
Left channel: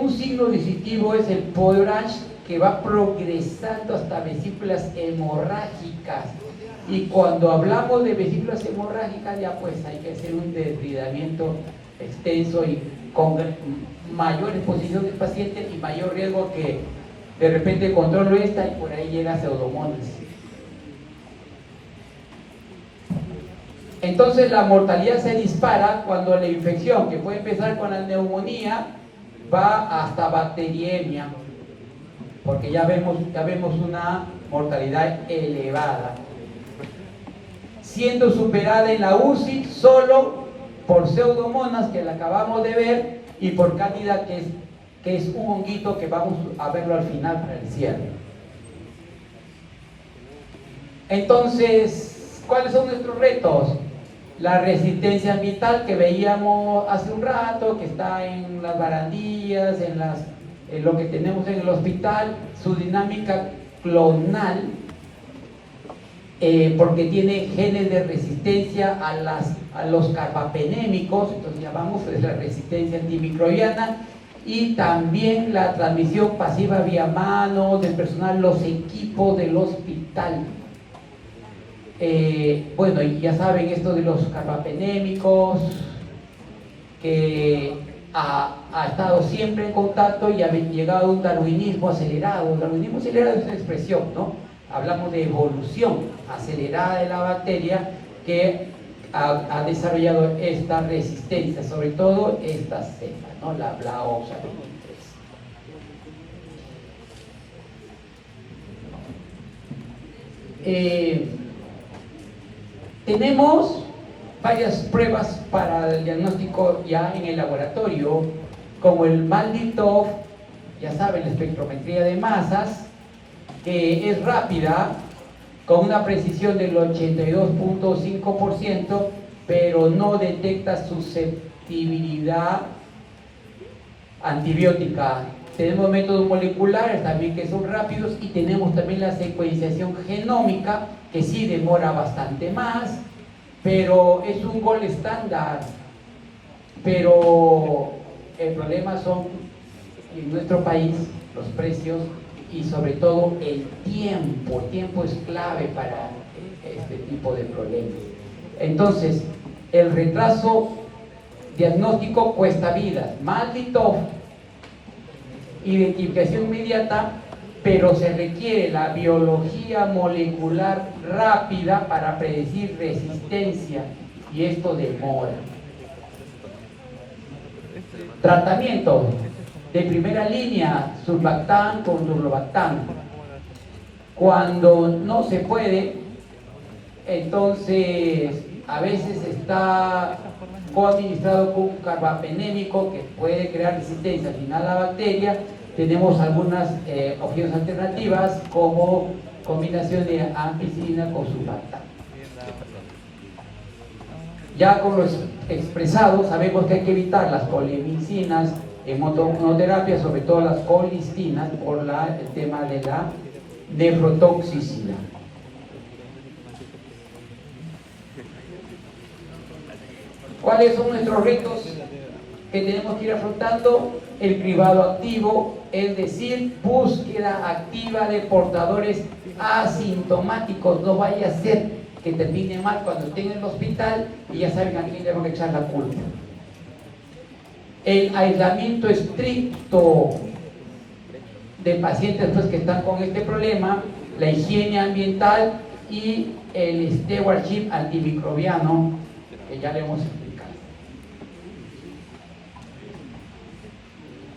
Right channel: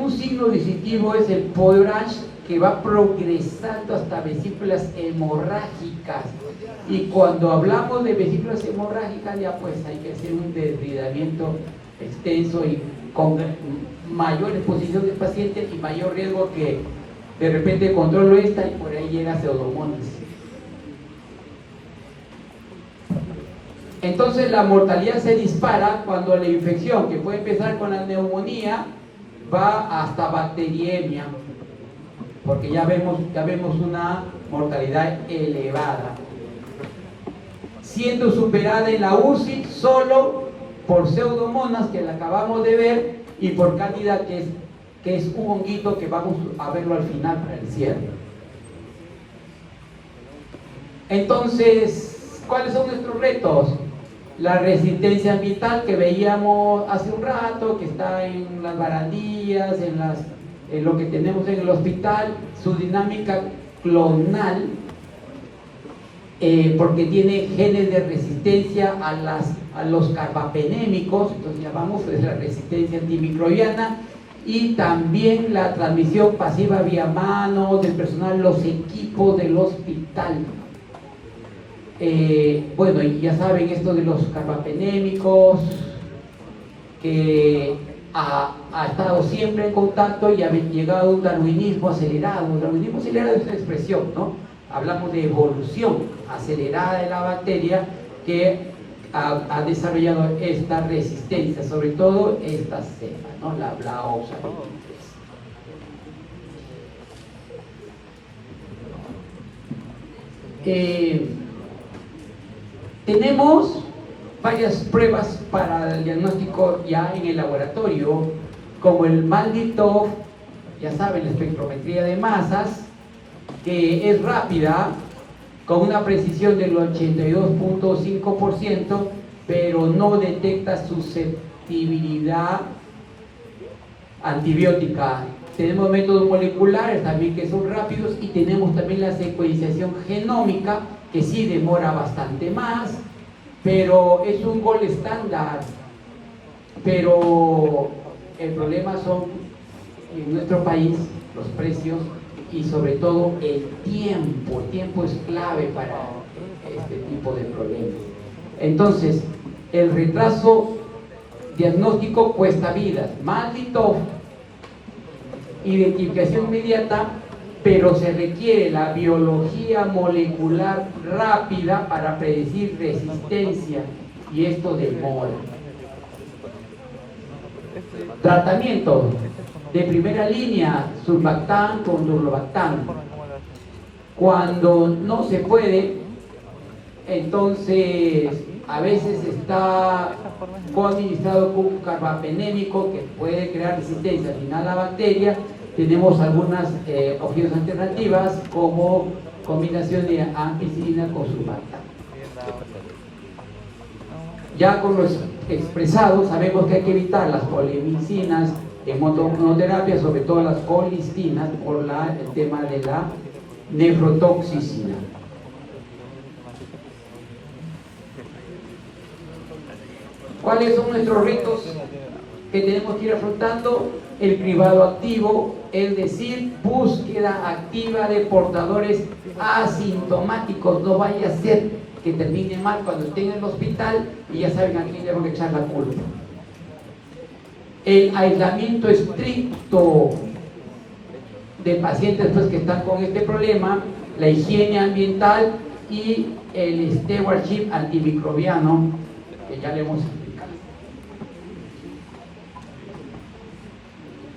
Un signo distintivo es el Poirage, que va progresando hasta vesículas hemorrágicas. Y cuando hablamos de vesículas hemorrágicas, ya pues hay que hacer un desbridamiento extenso y con mayor exposición del paciente y mayor riesgo que de repente controlo esta y por ahí llega Pseudomonas. Entonces la mortalidad se dispara cuando la infección, que puede empezar con la neumonía, va hasta bacteriemia, porque ya vemos una mortalidad elevada, siendo superada en la UCI solo por Pseudomonas, que la acabamos de ver, y por Cándida, que es que es un honguito que vamos a verlo al final para el cierre. Entonces, ¿cuáles son nuestros retos? La resistencia ambiental que veíamos hace un rato, que está en las barandillas, en lo que tenemos en el hospital, su dinámica clonal, porque tiene genes de resistencia a los carbapenémicos, entonces llamamos la resistencia antimicrobiana, y también la transmisión pasiva vía mano del personal, los equipos del hospital. Bueno, y ya saben esto de los carbapenémicos, que ha estado siempre en contacto y ha llegado a un darwinismo acelerado. Darwinismo acelerado es una expresión, ¿no? Hablamos de evolución acelerada de la bacteria que ha desarrollado esta resistencia, sobre todo esta cepa, ¿no? La Blaoxavirus. Tenemos varias pruebas para el diagnóstico ya en el laboratorio, como el MALDI-TOF, ya saben, la espectrometría de masas, que es rápida, con una precisión del 82.5%, pero no detecta susceptibilidad antibiótica. Tenemos métodos moleculares también que son rápidos, y tenemos también la secuenciación genómica, que sí demora bastante más, pero es un gol estándar. Pero el problema son, en nuestro país, los precios y sobre todo el tiempo. El tiempo es clave para este tipo de problemas. Entonces, el retraso diagnóstico cuesta vidas. MALDI-TOF, identificación inmediata, pero se requiere la biología molecular rápida para predecir resistencia, y esto demora. Tratamiento de primera línea: surfactán con durlobactán. Cuando no se puede, entonces a veces está coadministrado con un carbapenémico que puede crear resistencia al final a la bacteria. Tenemos algunas opciones alternativas, como combinación de ampicilina con surfactán. Ya con los expresados, sabemos que hay que evitar las colimicinas en monoterapia, sobre todo las colistinas, por el tema de la nefrotoxicidad. ¿Cuáles son nuestros retos que tenemos que ir afrontando? El cribado activo, es decir, búsqueda activa de portadores asintomáticos. No vaya a ser que termine mal cuando estén en el hospital y ya saben a quién le van a echar la culpa. El aislamiento estricto de pacientes pues, que están con este problema, la higiene ambiental y el stewardship antimicrobiano, que ya le hemos explicado.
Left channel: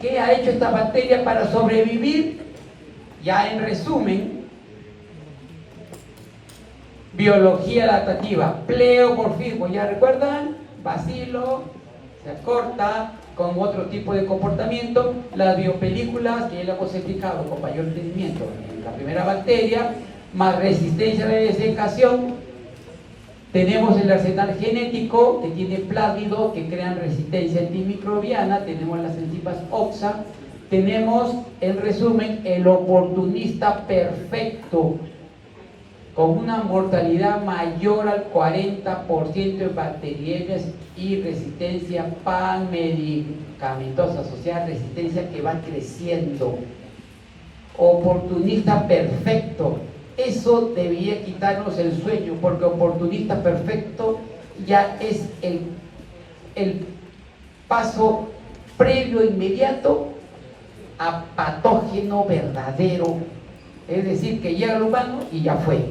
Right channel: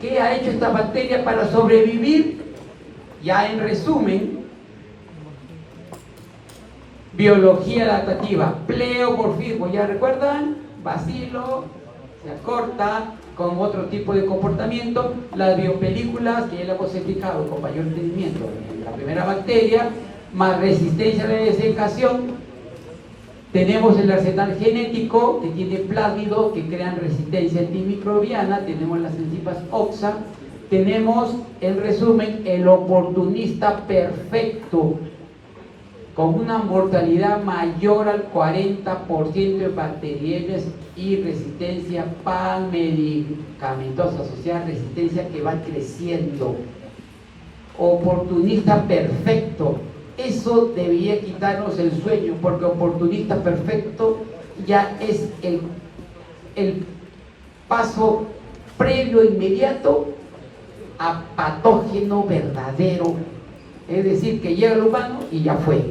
¿Qué ha hecho esta bacteria para sobrevivir? Ya en resumen: biología adaptativa, pleomorfismo, ¿ya recuerdan? Bacilo, se acorta con otro tipo de comportamiento. Las biopelículas, que ya le hemos explicado con mayor entendimiento, la primera bacteria, más resistencia a la desecación. Tenemos el arsenal genético, que tiene plásmidos que crean resistencia antimicrobiana. Tenemos las enzimas OXA. Tenemos, en resumen, el oportunista perfecto, con una mortalidad mayor al 40% en bacteriemias y resistencia panmedicamentosa, o sea, resistencia que va creciendo. Oportunista perfecto. Eso debería quitarnos el sueño, porque oportunista perfecto ya es el paso previo inmediato a patógeno verdadero. Es decir, que llega al humano y ya fue.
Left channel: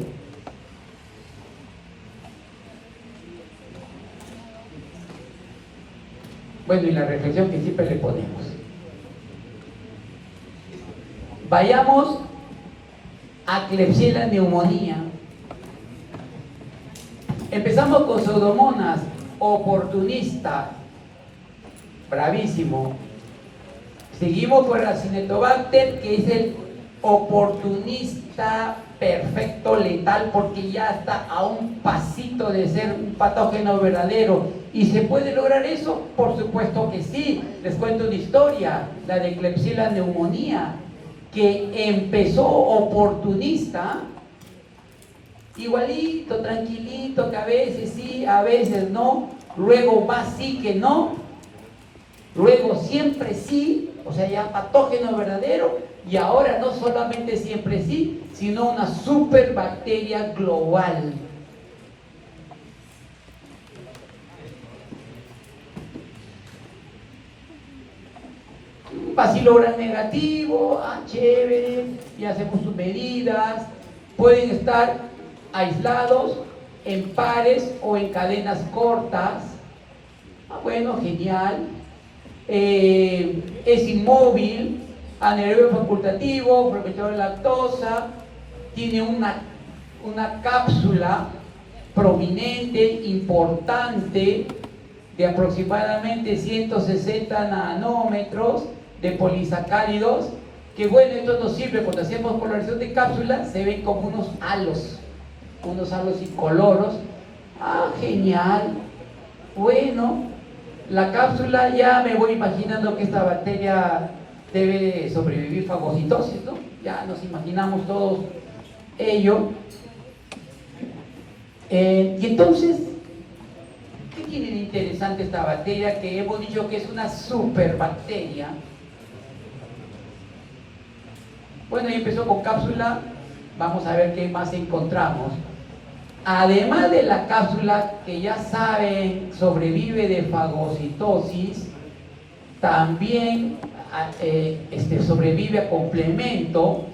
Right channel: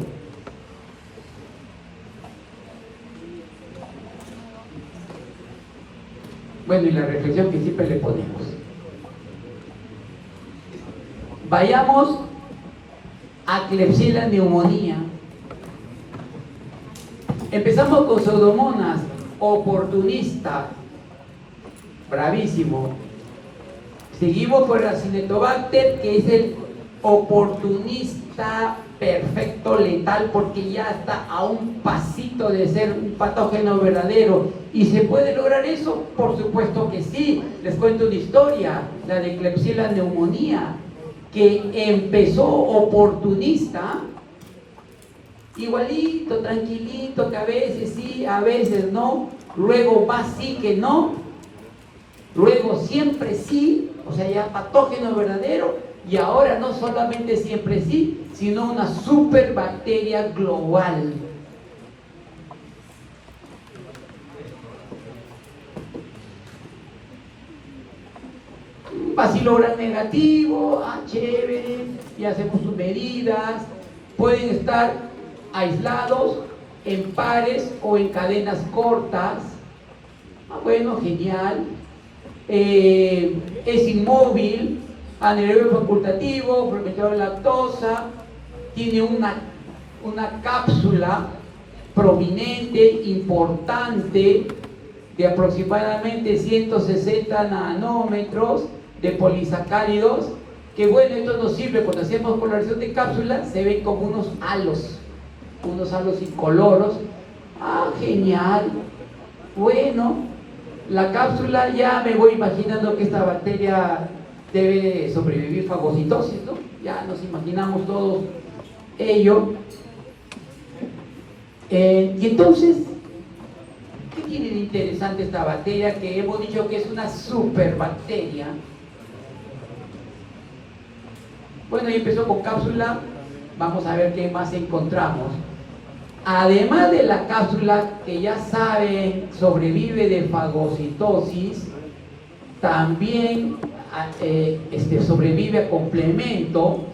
Bueno, y la reflexión que siempre le ponemos: vayamos a Klebsiella neumonía. Empezamos con Pseudomonas, oportunista, bravísimo. Seguimos con el Acinetobacter, que es el oportunista perfecto letal, porque ya está a un pasito de ser un patógeno verdadero. ¿Y se puede lograr eso? Por supuesto que sí. Les cuento una historia, la de Klebsiella neumonía, que empezó oportunista, igualito, tranquilito, que a veces sí, a veces no, luego va sí que no, luego siempre sí, o sea, ya patógeno verdadero, y ahora no solamente siempre sí, sino una superbacteria global. Bacilo negativo, chévere, y hacemos sus medidas. Pueden estar aislados, en pares o en cadenas cortas. Bueno, genial. Es inmóvil, anaerobio facultativo, fermentador de lactosa, tiene una cápsula prominente, importante, de aproximadamente 160 nanómetros de polisacáridos, que bueno, esto nos sirve cuando hacemos coloración de cápsulas, se ven como unos halos incoloros. Genial. Bueno, la cápsula, ya me voy imaginando que esta bacteria debe sobrevivir fagocitosis, ¿no? Ya nos imaginamos todos ello. Y entonces, ¿qué tiene de interesante esta bacteria? Que hemos dicho que es una superbacteria. Bueno, ahí empezó con cápsula. Vamos a ver qué más encontramos. Además de la cápsula, que ya saben, sobrevive de fagocitosis, también sobrevive a complemento.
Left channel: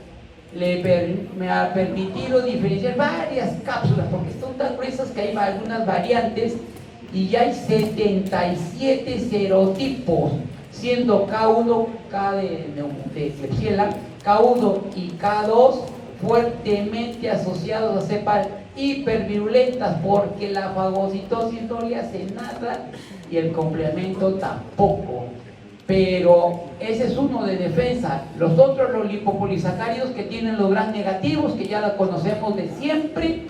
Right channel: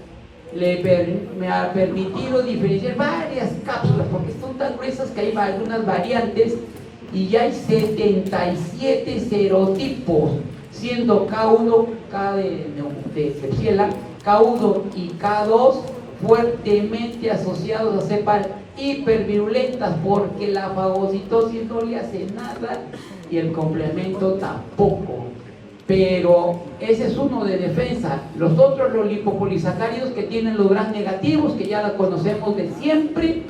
Me ha permitido diferenciar varias cápsulas, porque son tan gruesas que hay algunas variantes, y ya hay 77 serotipos, siendo K1, K de Klebsiella, K1 y K2 fuertemente asociados a cepas hipervirulentas, porque la fagocitosis no le hace nada y el complemento tampoco. Pero ese es uno de defensa. Los otros, los lipopolisacáridos, que tienen los gram negativos, que ya la conocemos de siempre,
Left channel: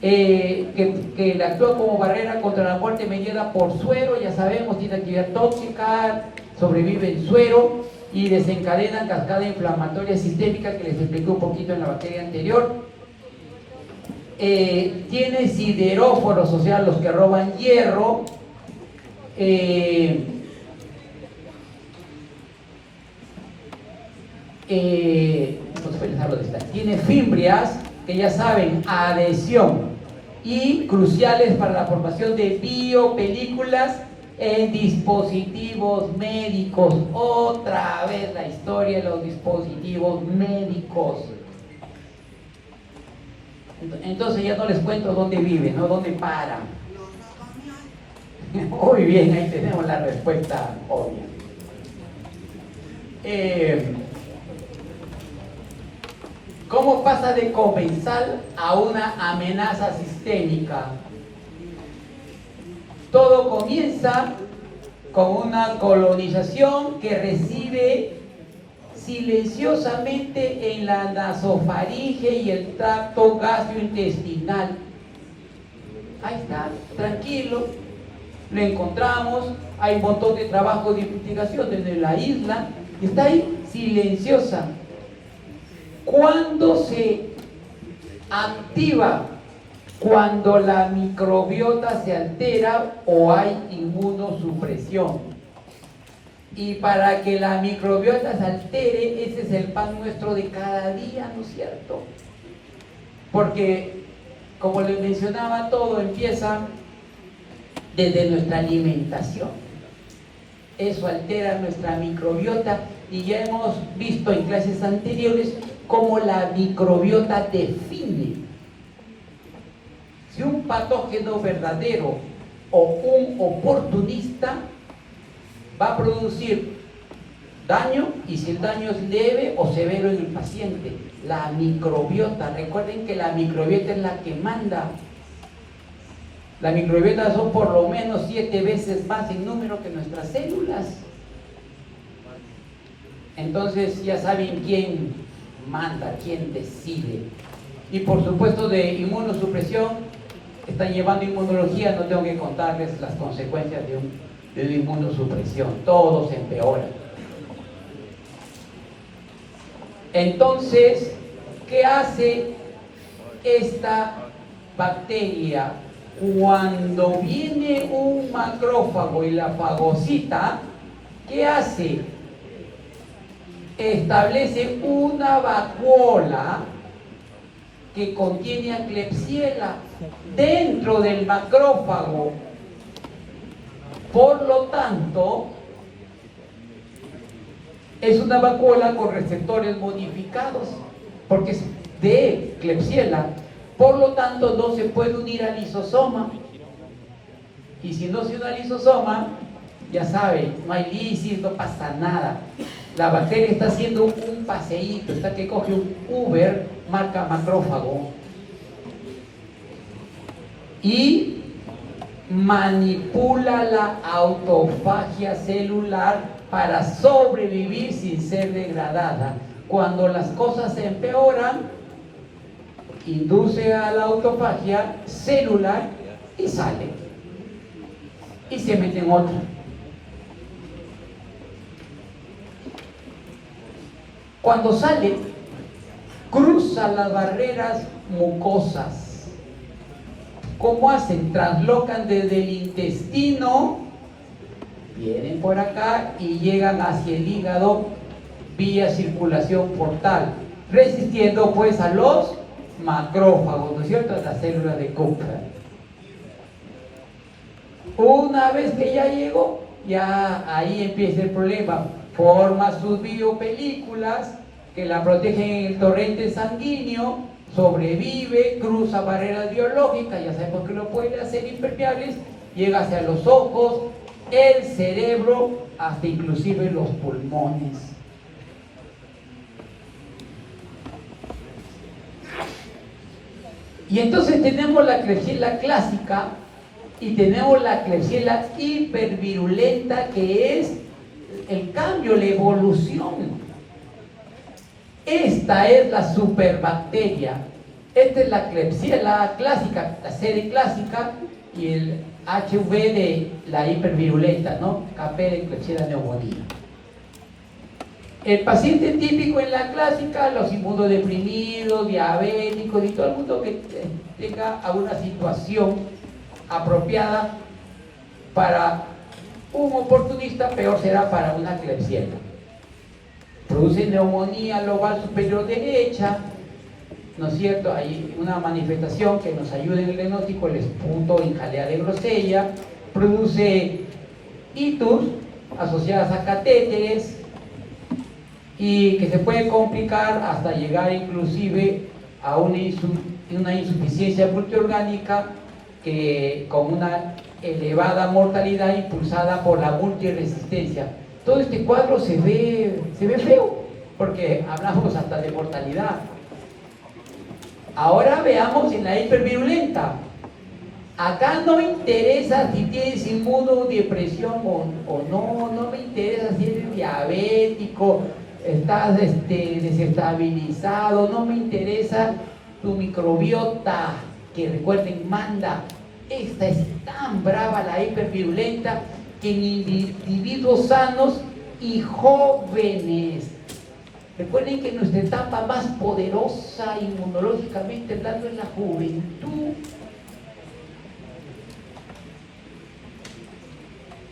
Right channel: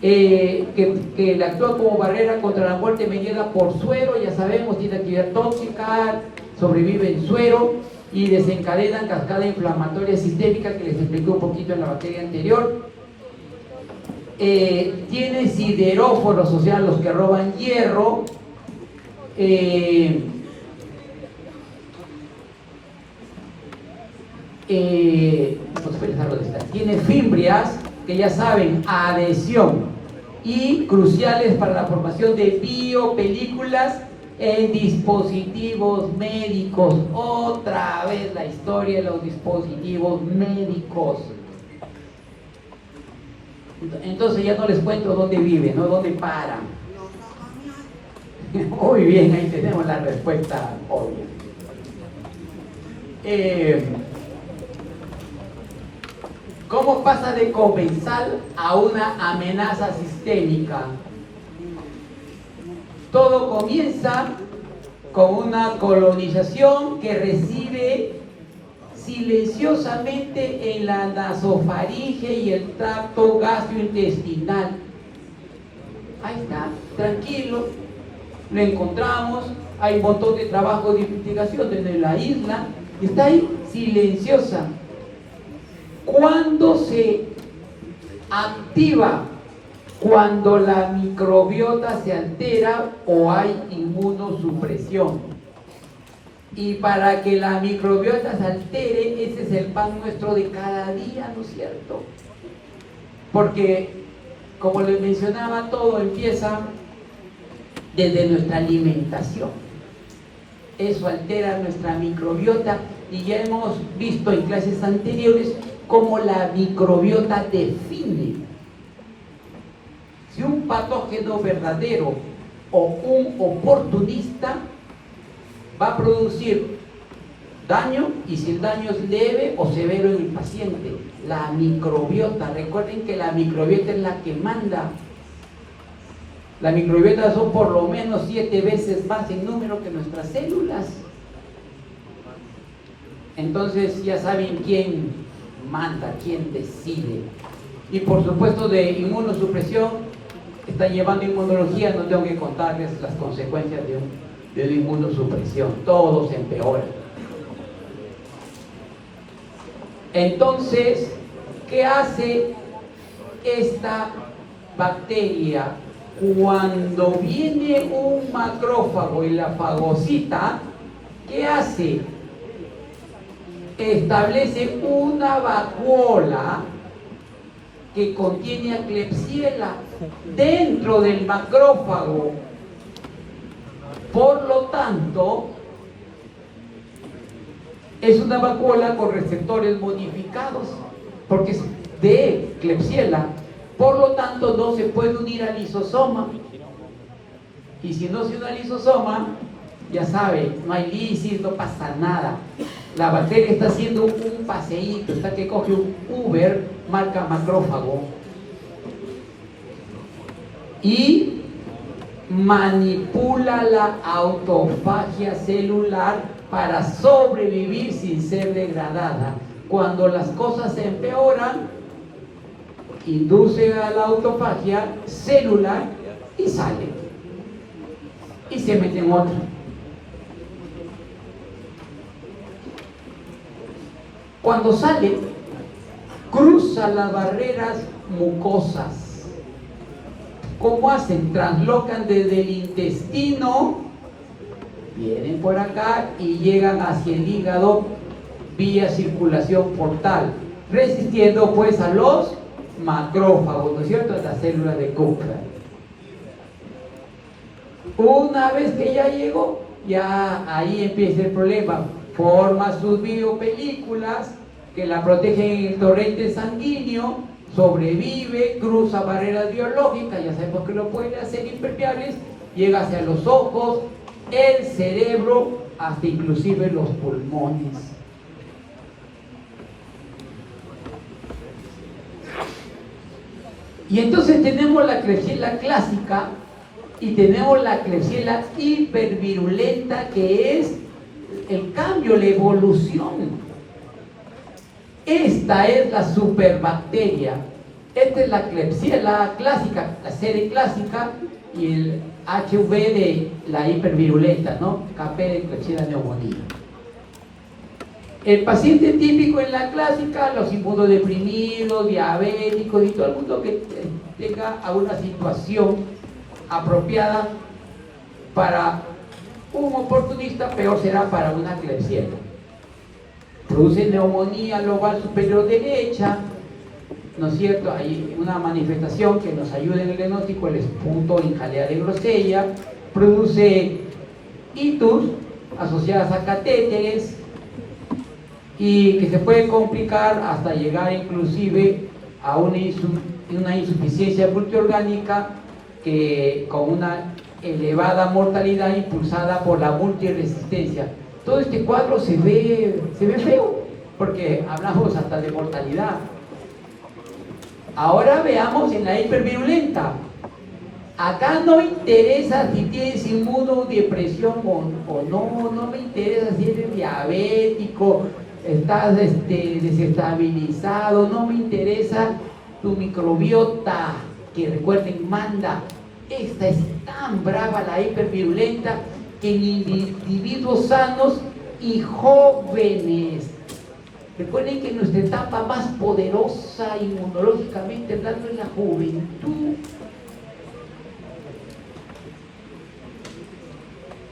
que actúa como barrera contra la muerte mediada por suero, ya sabemos, tiene actividad tóxica, sobrevive en suero y desencadenan cascada inflamatoria sistémica, que les expliqué un poquito en la bacteria anterior. Tiene sideróforos, o sea, los que roban hierro. Tiene fimbrias, que ya saben, adhesión, y cruciales para la formación de biopelículas en dispositivos médicos. Otra vez la historia de los dispositivos médicos. Entonces ya no les cuento dónde viven, ¿no? Dónde paran. Muy bien, ahí tenemos la respuesta obvia. ¿Cómo pasa de comensal a una amenaza sistémica? Todo comienza con una colonización que recibe silenciosamente en la nasofaringe y el tracto gastrointestinal. Ahí está, tranquilo, lo encontramos. Hay un montón de trabajo de investigación en la isla, y está ahí, silenciosa. ¿Cuándo se activa? Cuando la microbiota se altera o hay inmunosupresión. Y para que la microbiota se altere, ese es el pan nuestro de cada día, ¿no es cierto? Porque, como les mencionaba, todo empieza desde nuestra alimentación. Eso altera nuestra microbiota, y ya hemos visto en clases anteriores cómo la microbiota define si un patógeno verdadero o un oportunista va a producir daño, y si el daño es leve o severo en el paciente. La microbiota, recuerden que la microbiota es la que manda. La microbiota son por lo menos 7 veces más en número que nuestras células. Entonces ya saben quién manda, quién decide. Y por supuesto de inmunosupresión, están llevando inmunología, no tengo que contarles las consecuencias de una inmunosupresión, todo se empeora. Entonces, ¿qué hace esta bacteria? Cuando viene un macrófago y la fagocita, ¿qué hace? Establece una vacuola que contiene a Klebsiella dentro del macrófago. Por lo tanto, es una vacuola con receptores modificados, porque es de Klebsiella. Por lo tanto, no se puede unir al lisosoma. Y si no se une al lisosoma, ya sabe, no hay lisis, no pasa nada. La bacteria está haciendo un paseíto, está que coge un Uber, marca macrófago, y manipula la autofagia celular para sobrevivir sin ser degradada. Cuando las cosas se empeoran, induce a la autofagia celular y sale. Y se mete en otra. Cuando sale, cruza las barreras mucosas. ¿Cómo hacen? Translocan desde el intestino, vienen por acá y llegan hacia el hígado vía circulación portal, resistiendo pues a los macrófagos, ¿no es cierto?, a las células de Kupffer. Una vez que ya llegó, ya ahí empieza el problema. Forma sus biopelículas que la protegen en el torrente sanguíneo, sobrevive, cruza barreras biológicas, ya sabemos que lo puede hacer impermeables, llega hacia los ojos, el cerebro, hasta inclusive los pulmones. Y entonces tenemos la Klebsiella clásica y tenemos la Klebsiella hipervirulenta, que es el cambio, la evolución. Esta es la superbacteria. Esta es la Klebsiella clásica, la serie clásica, y el HV de la hipervirulenta, ¿no? KP de Klebsiella pneumoniae. El paciente típico en la clásica, los inmunodeprimidos, diabéticos y todo el mundo que tenga alguna situación apropiada para un oportunista, peor será para una Klebsiella. Produce neumonía lobar superior derecha, ¿no es cierto? Hay una manifestación que nos ayuda en el diagnóstico, el esputo en jalea de Grosella. Produce itus asociadas a catéteres y que se puede complicar hasta llegar inclusive a una insuficiencia multiorgánica que con una elevada mortalidad impulsada por la multiresistencia. Todo este cuadro se ve feo, porque hablamos hasta de mortalidad. Ahora veamos en la hipervirulenta. Acá no me interesa si tienes inmunodepresión o no, no me interesa si eres diabético, estás desestabilizado, no me interesa tu microbiota, que recuerden, manda. Esta es tan brava, la hipervirulenta, que en individuos sanos y jóvenes. Recuerden que nuestra etapa más poderosa inmunológicamente hablando es la juventud.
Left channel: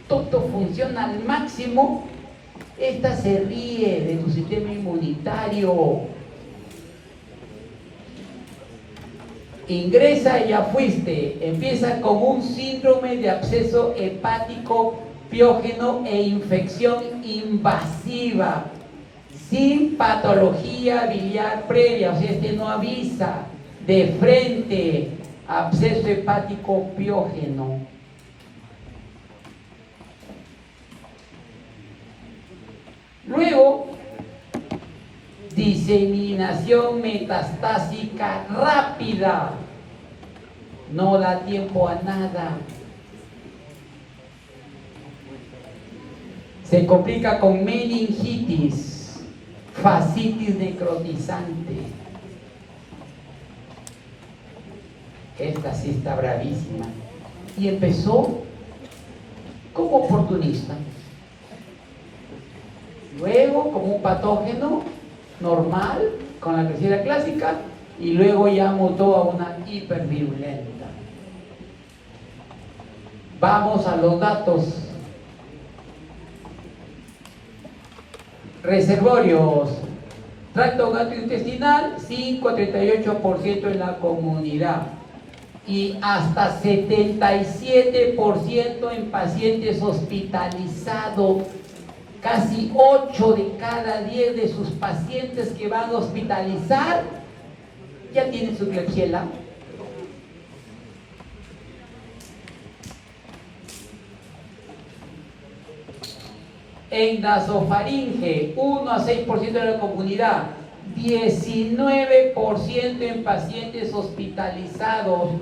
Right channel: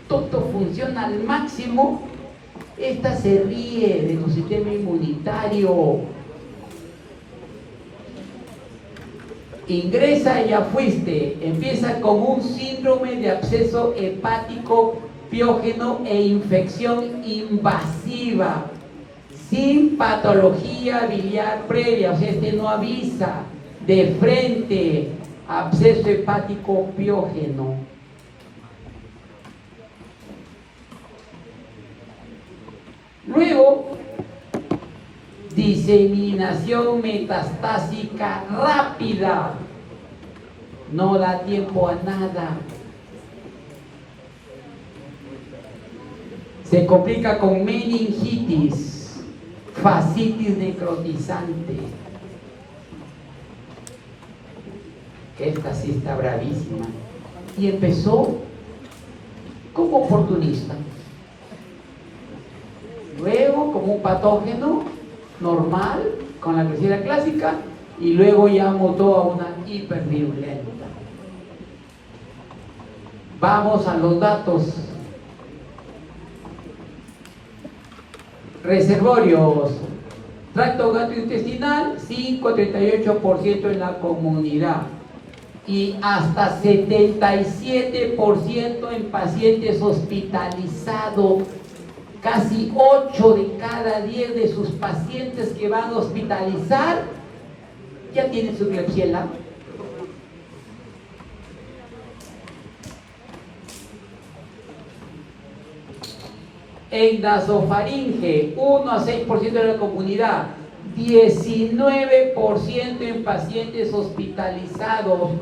Todo funciona al máximo. Esta se ríe de tu sistema inmunitario. Ingresa y ya fuiste. Empieza con un síndrome de absceso hepático piógeno e infección invasiva, sin patología biliar previa, o sea, este no avisa, de frente, absceso hepático piógeno. Luego, diseminación metastásica rápida, no da tiempo a nada. Se complica con meningitis, fascitis necrotizante. Esta sí está bravísima. Y empezó como oportunista. Luego como un patógeno normal, con la Klebsiella clásica, y luego ya mutó a una hipervirulenta. Vamos a los datos. Reservorios. Tracto gastrointestinal, 5-38% en la comunidad. Y hasta 77% en pacientes hospitalizados. Casi 8 de cada 10 de sus pacientes que van a hospitalizar ya tienen su Klebsiella. En nasofaringe, 1 a 6% de la comunidad, 19% en pacientes hospitalizados.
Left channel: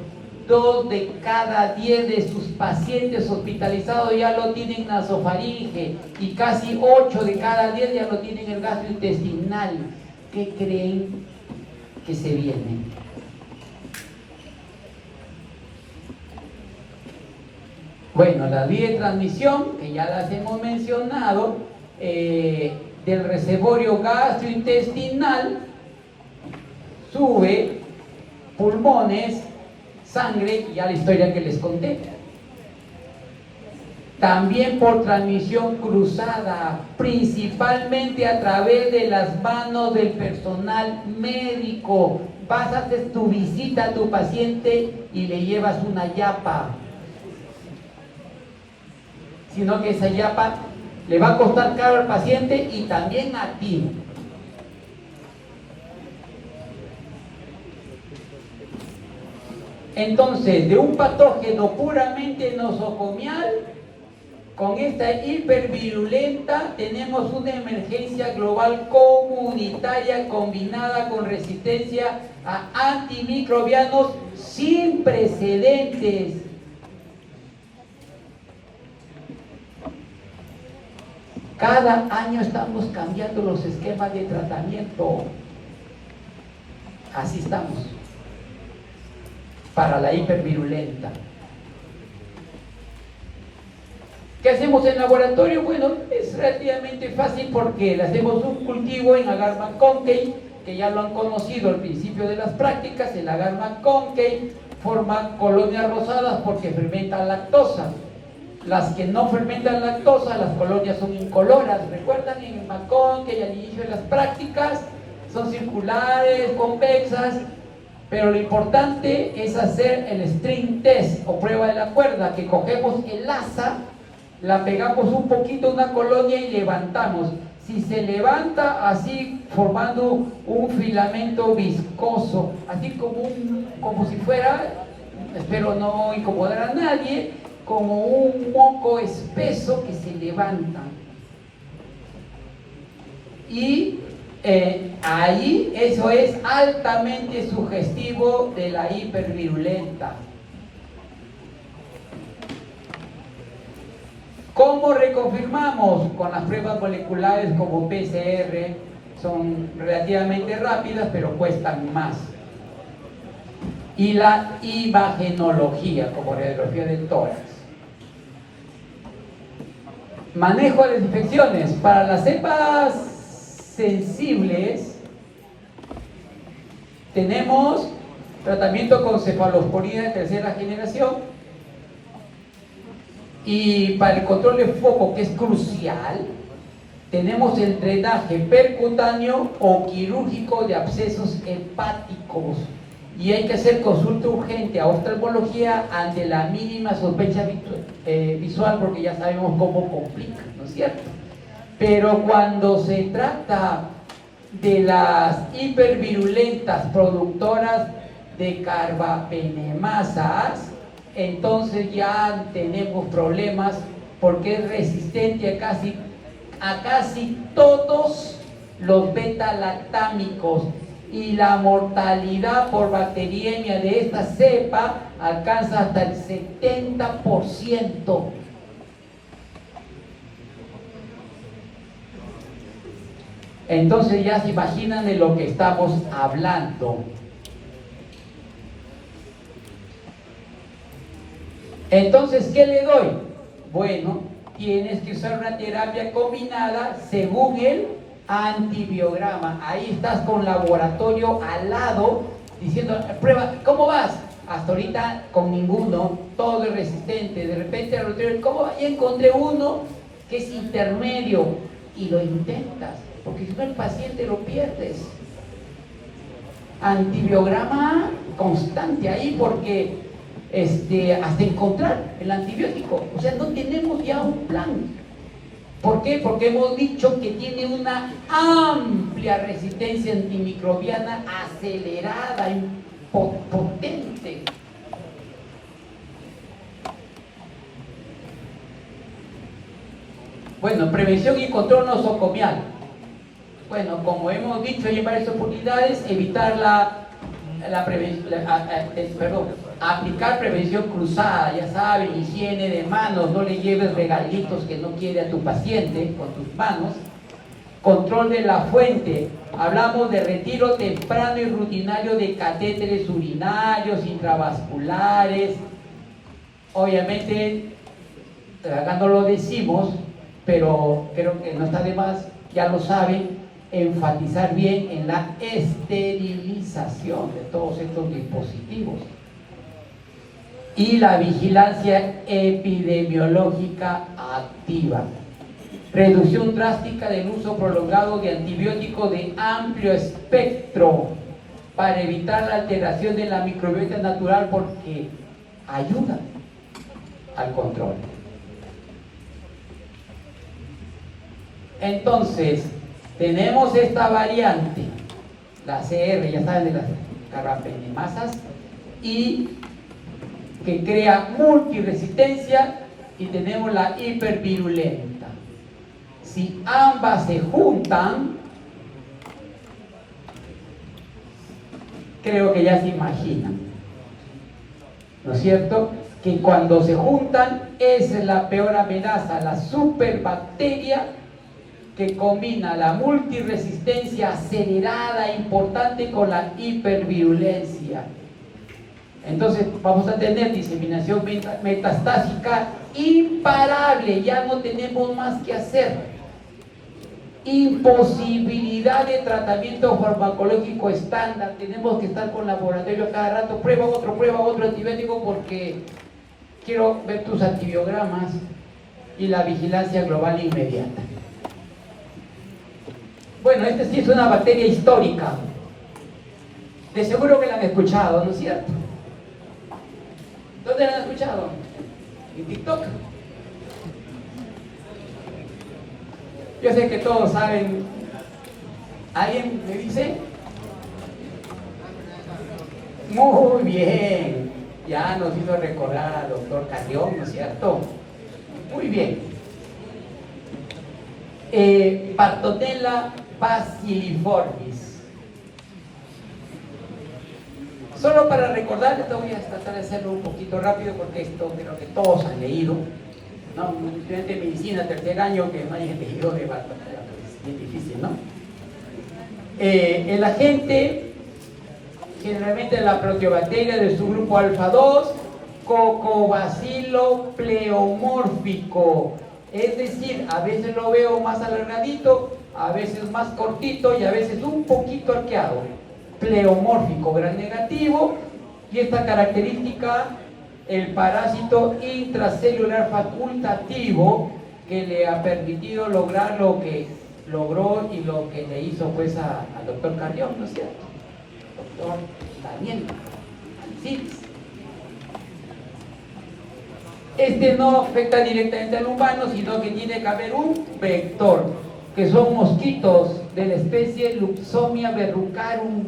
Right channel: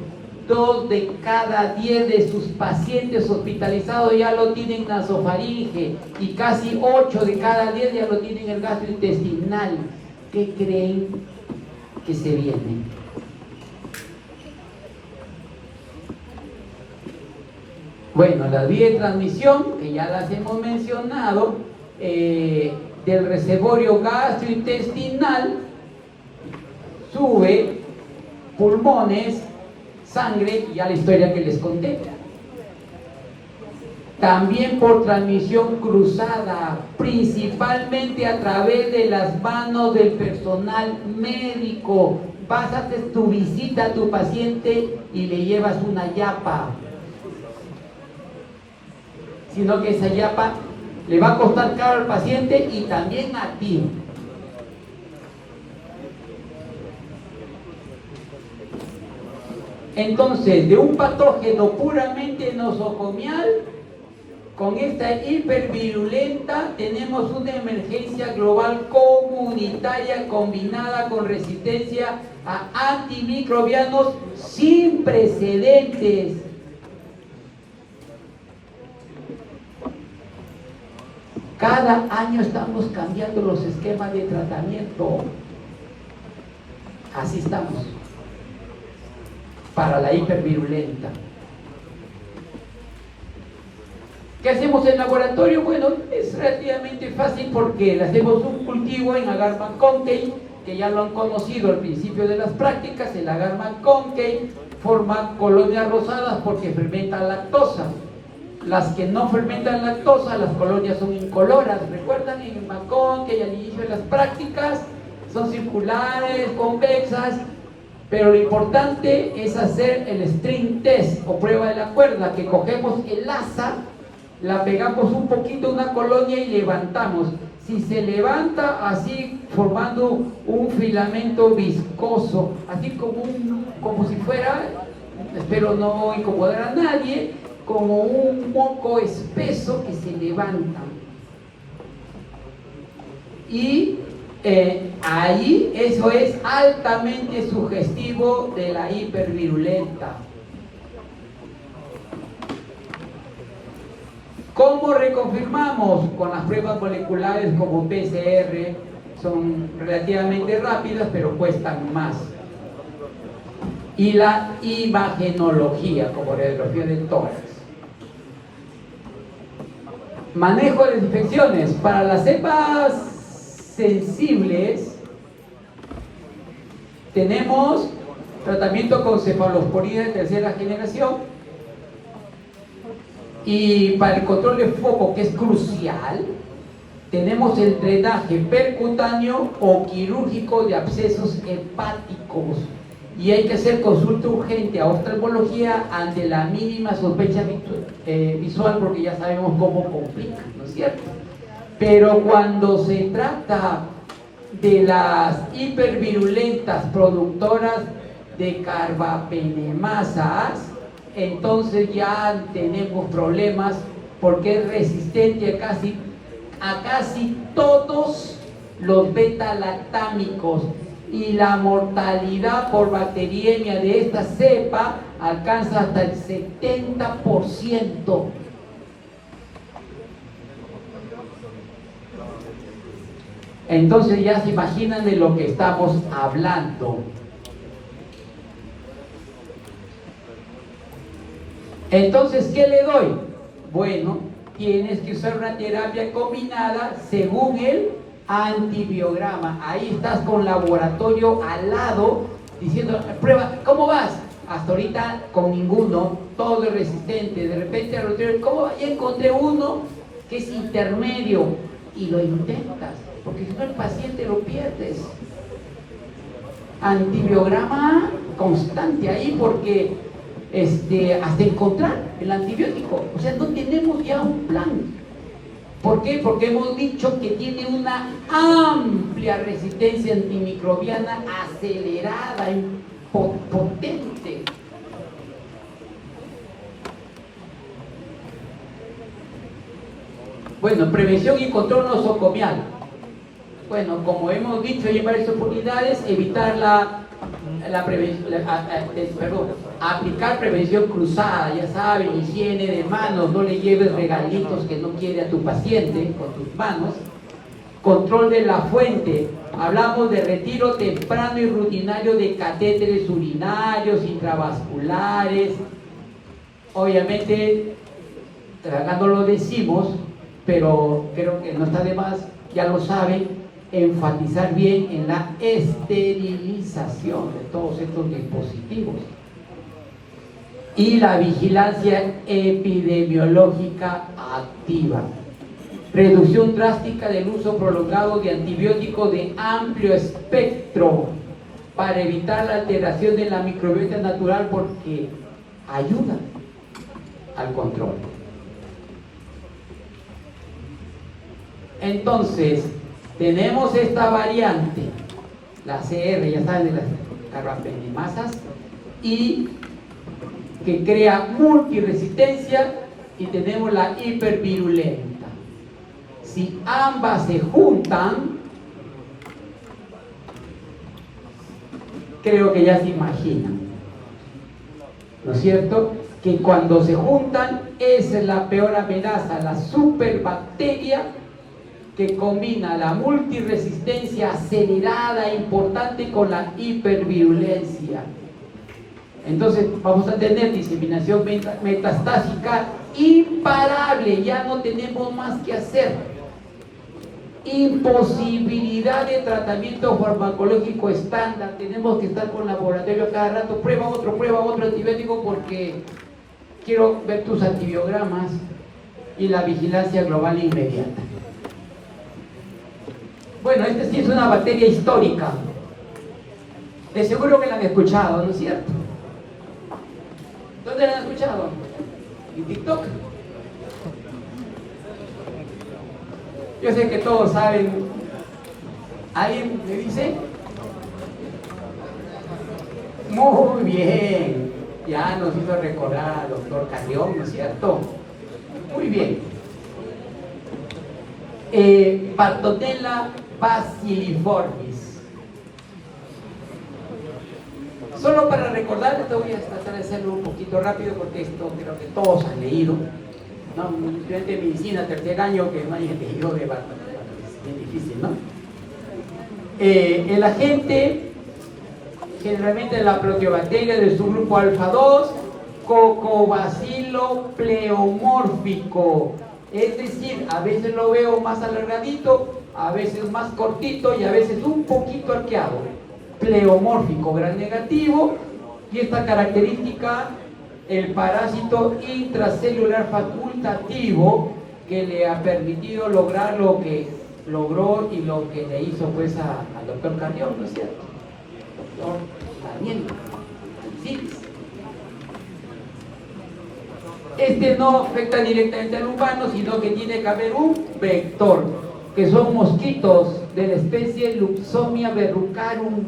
2 de cada 10 de sus pacientes hospitalizados ya lo tienen nasofaringe y casi 8 de cada 10 ya lo tienen el gastrointestinal. ¿Qué creen que se viene? Bueno, la vía de transmisión, que ya las hemos mencionado, del reservorio gastrointestinal, sube pulmones, sangre, y ya la historia que les conté. También por transmisión cruzada, principalmente a través de las manos del personal médico. Vas a hacer tu visita a tu paciente y le llevas una yapa. Sino que esa yapa le va a costar caro al paciente y también a ti. Entonces, de un patógeno puramente nosocomial, con esta hipervirulenta tenemos una emergencia global comunitaria combinada con resistencia a antimicrobianos sin precedentes. Cada año estamos cambiando los esquemas de tratamiento. Así estamos. Para la hipervirulenta. ¿Qué hacemos en el laboratorio? Bueno, es relativamente fácil porque hacemos un cultivo en agar McConkey, que ya lo han conocido al principio de las prácticas. El agar McConkey forma colonias rosadas porque fermenta lactosa. Las que no fermentan lactosa, las colonias son incoloras. ¿Recuerdan? En el McConkey, al inicio de las prácticas, son circulares, convexas. Pero lo importante es hacer el string test o prueba de la cuerda, que cogemos el asa, la pegamos un poquito a una colonia y levantamos. Si se levanta así, formando un filamento viscoso, así como si fuera, espero no incomodar a nadie, como un moco espeso que se levanta. Y ahí eso es altamente sugestivo de la hipervirulenta. ¿Cómo reconfirmamos? Con las pruebas moleculares como PCR, son relativamente rápidas pero cuestan más. Y la imagenología como radiografía de tórax. Manejo de las infecciones. Para las cepas sensibles tenemos tratamiento con cefalosporina de tercera generación, y para el control de foco, que es crucial, tenemos el drenaje percutáneo o quirúrgico de abscesos hepáticos, y hay que hacer consulta urgente a oftalmología ante la mínima sospecha visual, porque ya sabemos cómo complica, ¿no es cierto? Pero cuando se trata de las hipervirulentas productoras de carbapenemasas, entonces ya tenemos problemas, porque es resistente a casi todos los beta-lactámicos, y la mortalidad por bacteriemia de esta cepa alcanza hasta el 70%. Entonces ya se imaginan de lo que estamos hablando. Entonces, ¿qué le doy? Bueno, tienes que usar una terapia combinada según el antibiograma. Ahí estás con laboratorio al lado diciendo, prueba, ¿cómo vas? Hasta ahorita con ninguno, todo es resistente. De repente, ¿cómo? Ya encontré uno que es intermedio y lo intentas, porque si no el paciente lo pierdes. Antibiograma constante ahí porque hasta encontrar el antibiótico. O sea, no tenemos ya un plan. ¿Por qué? Porque hemos dicho que tiene una amplia resistencia antimicrobiana acelerada, potente. Bueno, prevención y control nosocomial. Bueno, como hemos dicho en varias oportunidades, evitar aplicar prevención cruzada, ya saben, higiene de manos, no le lleves regalitos que no quiere a tu paciente con tus manos. Control de la fuente, hablamos de retiro temprano y rutinario de catéteres urinarios, intravasculares. Obviamente, acá no lo decimos, pero creo que no está de más, ya lo saben, enfatizar bien en la esterilización de todos estos dispositivos y la vigilancia epidemiológica activa. Reducción drástica del uso prolongado de antibióticos de amplio espectro para evitar la alteración de la microbiota natural porque ayuda al control. Entonces, tenemos esta variante, la CR, ya saben, de las carbapenemasas, y que crea multiresistencia, y tenemos la hipervirulenta. Si ambas se juntan, creo que ya se imaginan, ¿no es cierto? Que cuando se juntan es la peor amenaza, la superbacteria que combina la multiresistencia acelerada e importante con la hipervirulencia. Entonces vamos a tener diseminación metastásica imparable, ya no tenemos más que hacer. Imposibilidad de tratamiento farmacológico estándar, tenemos que estar con laboratorio cada rato, prueba otro antibiótico porque quiero ver tus antibiogramas y la vigilancia global inmediata. Bueno, esta sí es una bacteria histórica. De seguro que la han escuchado, ¿no es cierto? ¿Dónde la han escuchado? En TikTok. Yo sé que todos saben. ¿Alguien me dice? Muy bien. Ya nos hizo recordar al doctor Carrión, ¿no es cierto? Muy bien. Bartonella bacilliformis. Solo para recordar, esto voy a tratar de hacerlo un poquito rápido porque esto creo que todos han leído, ¿no? Un estudiante de medicina, tercer año, que no haya leído de Bartonella, es bien difícil, ¿no? El agente, generalmente la proteobacteria de su grupo alfa 2, Cocobacilo pleomórfico. Es decir, a veces lo veo más alargadito, a veces más cortito y a veces un poquito arqueado. Pleomórfico, gran negativo, y esta característica, el parásito intracelular facultativo que le ha permitido lograr lo que logró y lo que le hizo pues al doctor Carrión, ¿no es cierto? Doctor Daniel Alcides. Este no afecta directamente al humano, sino que tiene que haber un vector, que son mosquitos de la especie Luxomia verrucarum,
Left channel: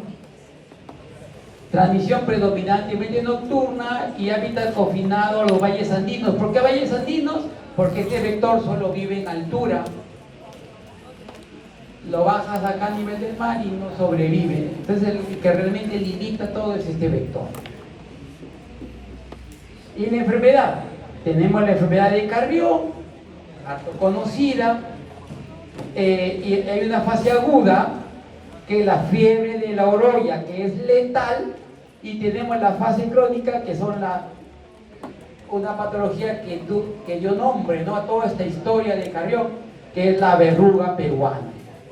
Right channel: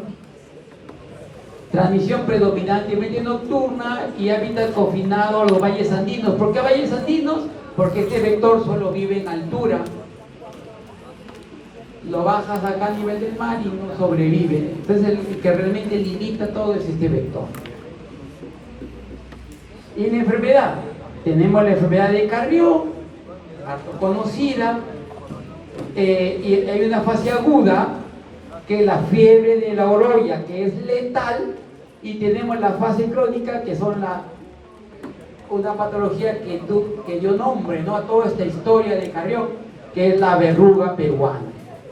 transmisión predominantemente nocturna y hábitat confinado a los valles andinos. ¿Por qué valles andinos? Porque este vector solo vive en altura. Lo bajas acá a nivel del mar y no sobrevive. Entonces el que realmente limita todo es este vector. Y en la enfermedad, tenemos la enfermedad de Carrión, harto conocida, Y hay una fase aguda, que es la fiebre de la orolla, que es letal, y tenemos la fase crónica, que son una patología que dio nombre, ¿no?, a toda esta historia de Carrión, que es la verruga peruana,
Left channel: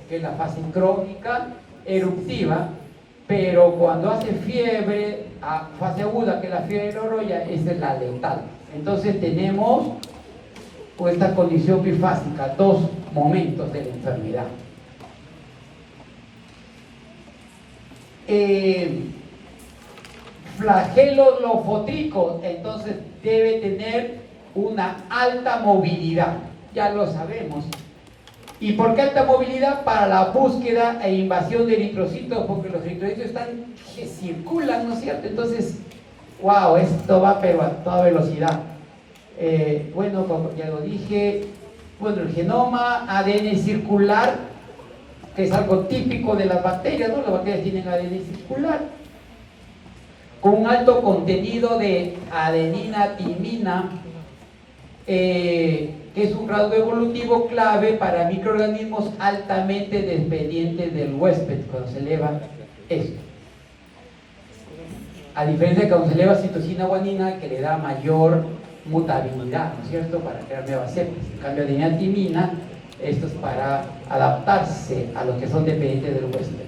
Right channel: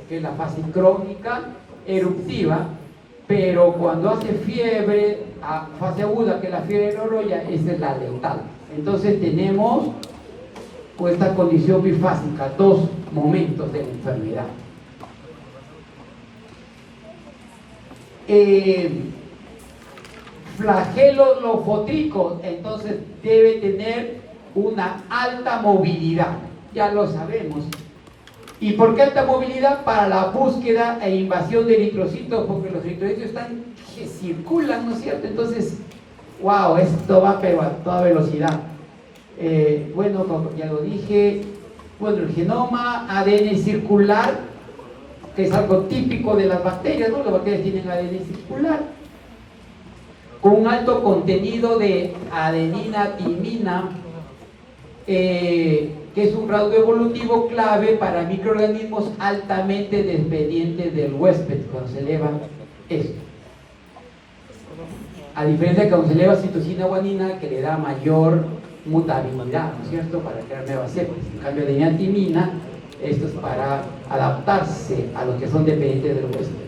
que es la fase crónica eruptiva, pero cuando hace fiebre, a fase aguda, que es la fiebre de la orolla, esa es la letal. Entonces tenemos esta condición bifásica, dos momentos de la enfermedad. Flagelo lofotrico, entonces debe tener una alta movilidad, ya lo sabemos. ¿Y por qué alta movilidad? Para la búsqueda e invasión de eritrocitos, porque los eritrocitos que circulan, ¿no es cierto? Entonces, wow, esto va pero a toda velocidad. Bueno, como ya lo dije, bueno, el genoma ADN circular, que es algo típico de las bacterias, ¿no? Las bacterias tienen ADN circular, con un alto contenido de adenina, timina, que es un rasgo evolutivo clave para microorganismos altamente dependientes del huésped cuando se eleva esto. A diferencia de cuando se eleva citosina guanina, que le da mayor mutabilidad, ¿no es cierto?, para crear nuevas cepas. En cambio, adenina, timina, esto es para adaptarse a los que son dependientes del huésped.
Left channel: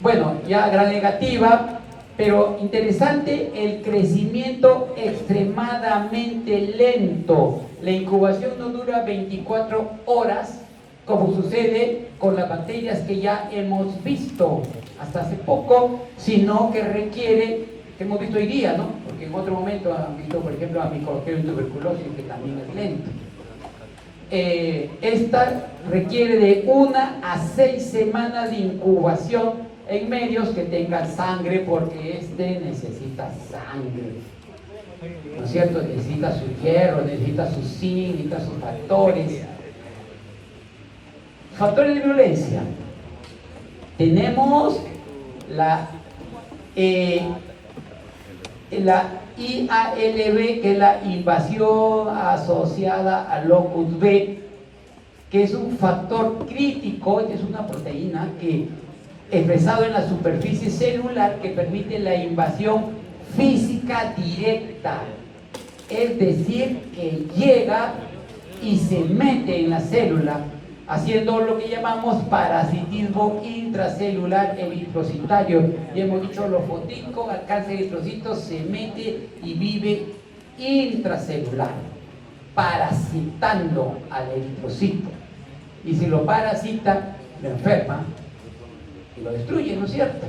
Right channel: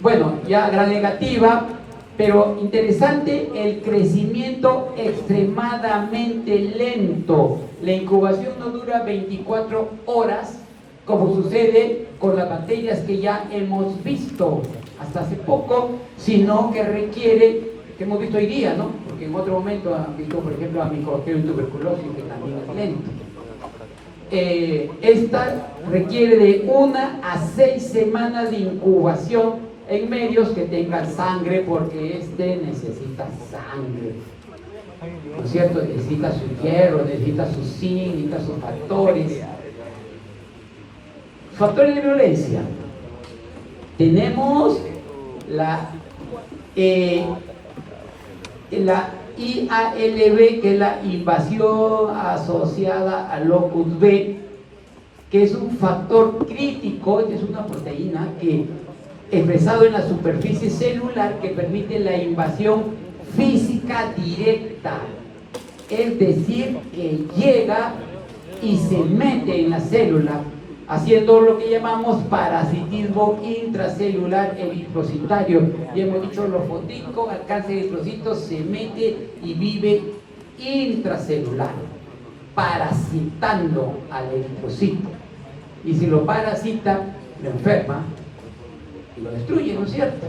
Bueno, ya gran negativa, pero interesante, el crecimiento extremadamente lento. La incubación no dura 24 horas, como sucede con las bacterias que ya hemos visto hasta hace poco, sino que requiere, que hemos visto hoy día, ¿no? Porque en otro momento han visto, por ejemplo, a Mycobacterium tuberculosis, que también es lento. Esta requiere de 1 a 6 semanas de incubación en medios que tengan sangre, porque necesita sangre, ¿no es cierto? Necesita su hierro, necesita su zinc, necesita sus factores. Factores de violencia. Tenemos la IALB, que es la invasión asociada al locus B, que es un factor crítico, es una proteína que expresado en la superficie celular, que permite la invasión física directa, es decir, que llega y se mete en la célula, haciendo lo que llamamos parasitismo intracelular eritrocitario. Y hemos dicho, lofotrico, alcance eritrocitos, se mete y vive intracelular, parasitando al eritrocito. Y si lo parasita, lo enferma y lo destruye, ¿no es cierto?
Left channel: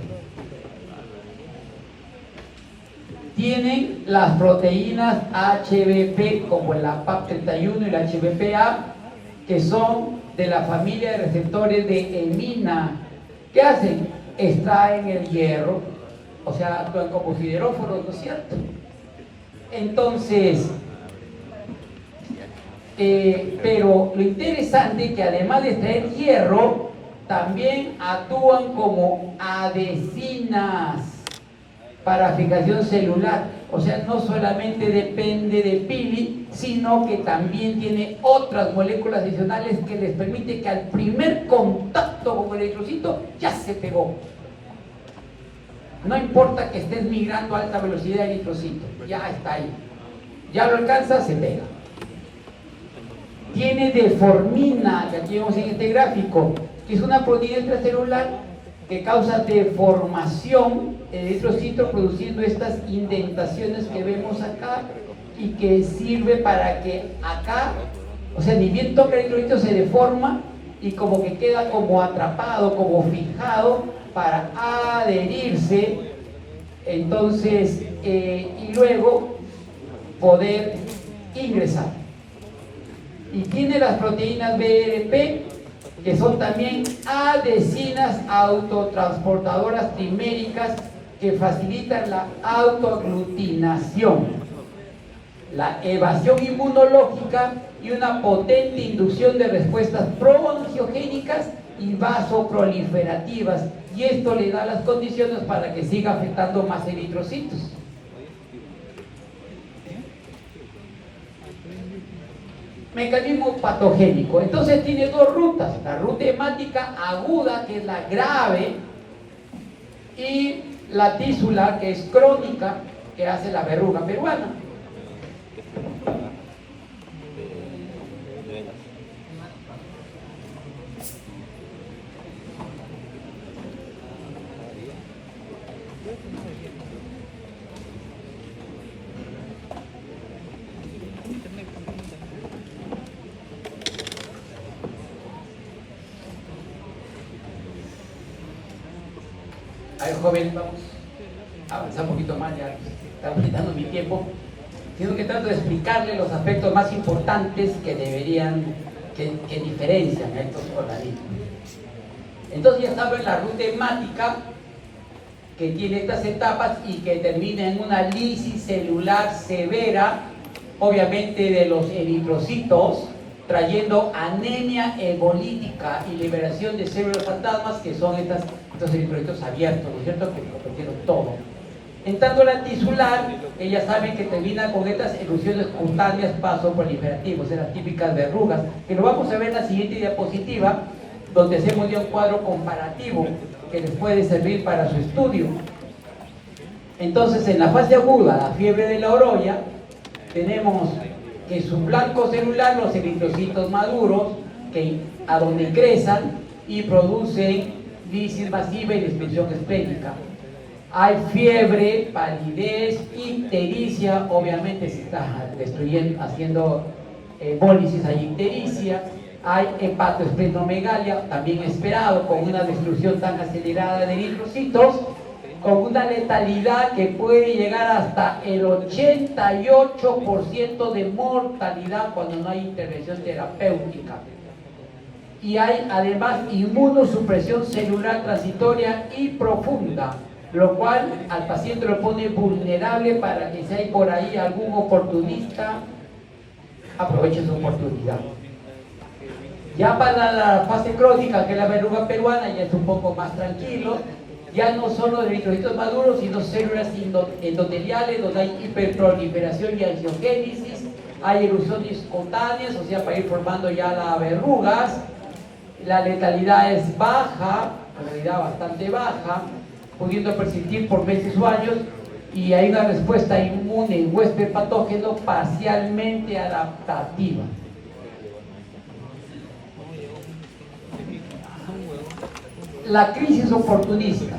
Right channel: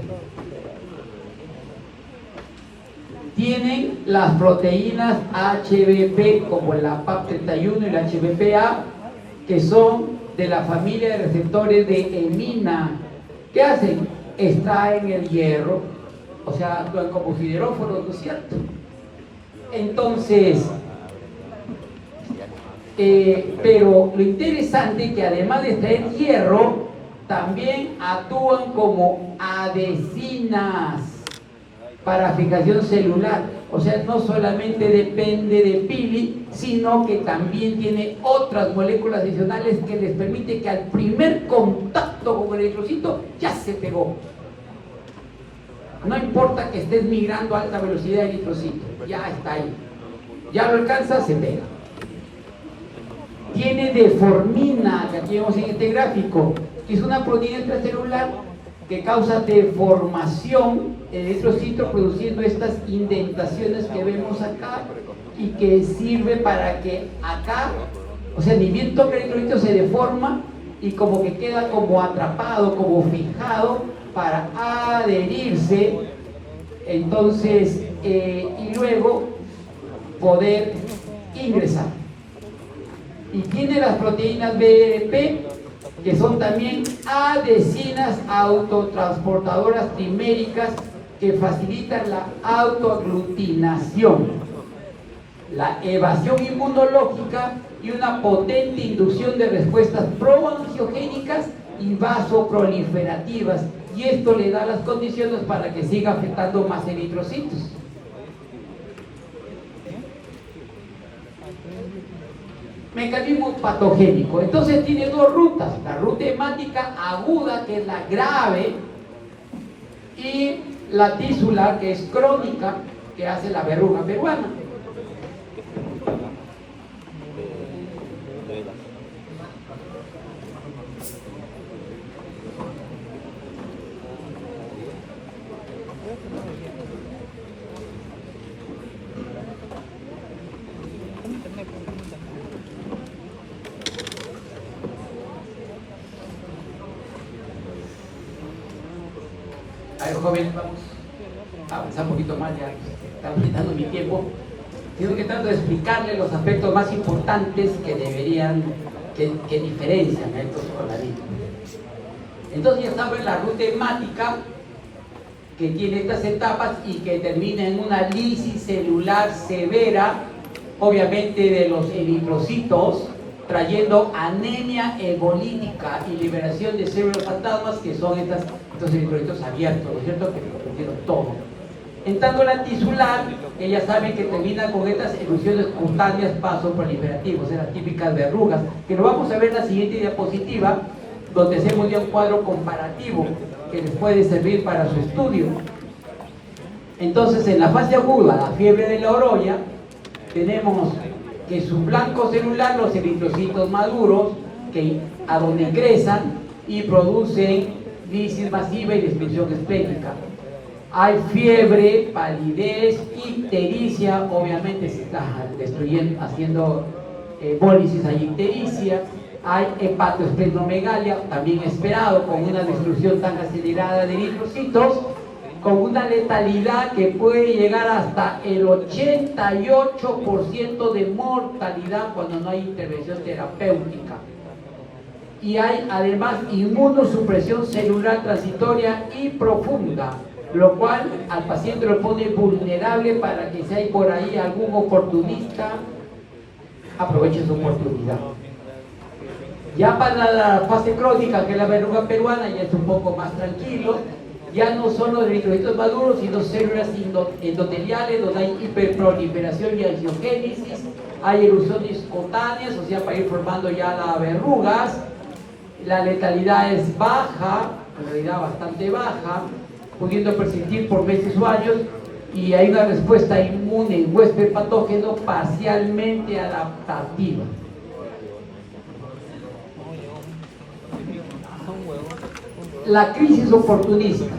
Tienen las proteínas HBP, como el APAP31 y el HBPA, que son de la familia de receptores de hemina. ¿Qué hacen? Extraen el hierro, o sea, actúan como sideróforos, ¿no es cierto? Entonces, pero lo interesante es que además de extraer hierro, también actúan como adhesinas para fijación celular. O sea, no solamente depende de pili, sino que también tiene otras moléculas adicionales que les permite que al primer contacto con el eritrocito ya se pegó. No importa que estés migrando a alta velocidad el eritrocito, ya está ahí. Ya lo alcanza, se pega. Tiene deformina, que aquí vemos en este gráfico, que es una proteína extracelular que causa deformación en el eritrocito, produciendo estas indentaciones que vemos acá, y que sirve para que acá, o sea, ni bien toca el eritrocito, se deforma y como que queda como atrapado, como fijado para adherirse, entonces, y luego poder ingresar. Y tiene las proteínas BRP, que son también adhesinas autotransportadoras triméricas que facilitan la autoaglutinación, la evasión inmunológica y una potente inducción de respuestas proangiogénicas y vasoproliferativas, y esto le da las condiciones para que siga afectando más eritrocitos. mecanismo patogénico. Entonces tiene dos rutas, la ruta hemática aguda, que es la grave, y la tisular, que es crónica, que hace la verruga peruana. A ver, joven, vamos a avanzar un poquito más, ya está quitando mi tiempo. Tengo que tratar de explicarle los aspectos más importantes que que diferencian a estos organismos. Entonces ya saben la ruta hemática, que tiene estas etapas y que termina en una lisis celular severa, obviamente de los eritrocitos, trayendo anemia hebolítica y liberación de células fantasmas, que son estos eritrocitos abiertos, ¿no es cierto?, que produjeron todo. Entrando la tisular, que ya saben que termina con estas erupciones cutáneas vasoproliferativas, las típicas verrugas, que lo vamos a ver en la siguiente diapositiva, donde hacemos ya un cuadro comparativo que les puede servir para su estudio. Entonces, en la fase aguda, la fiebre de la oroya, tenemos que su blanco celular, los eritrocitos maduros, a donde ingresan y producen lisis masiva y dispersión esplénica. Hay fiebre, palidez, ictericia, obviamente se está destruyendo, haciendo hemólisis, hay ictericia. Hay hepatoesplenomegalia, también esperado, con una destrucción tan acelerada de eritrocitos, con una letalidad que puede llegar hasta el 88% de mortalidad cuando no hay intervención terapéutica. Y hay además inmunosupresión celular transitoria y profunda, lo cual al paciente lo pone vulnerable para que si hay por ahí algún oportunista, aproveche su oportunidad. Ya para la fase crónica, que es la verruga peruana, ya es un poco más tranquilo. Ya no solo de eritrocitos maduros, sino células endoteliales, donde hay hiperproliferación y angiogénesis, hay erupciones cutáneas, o sea, para ir formando ya las verrugas. La letalidad es baja, en realidad bastante baja, pudiendo persistir por meses o años, y hay una respuesta inmune en huésped patógeno parcialmente adaptativa. La crisis oportunista,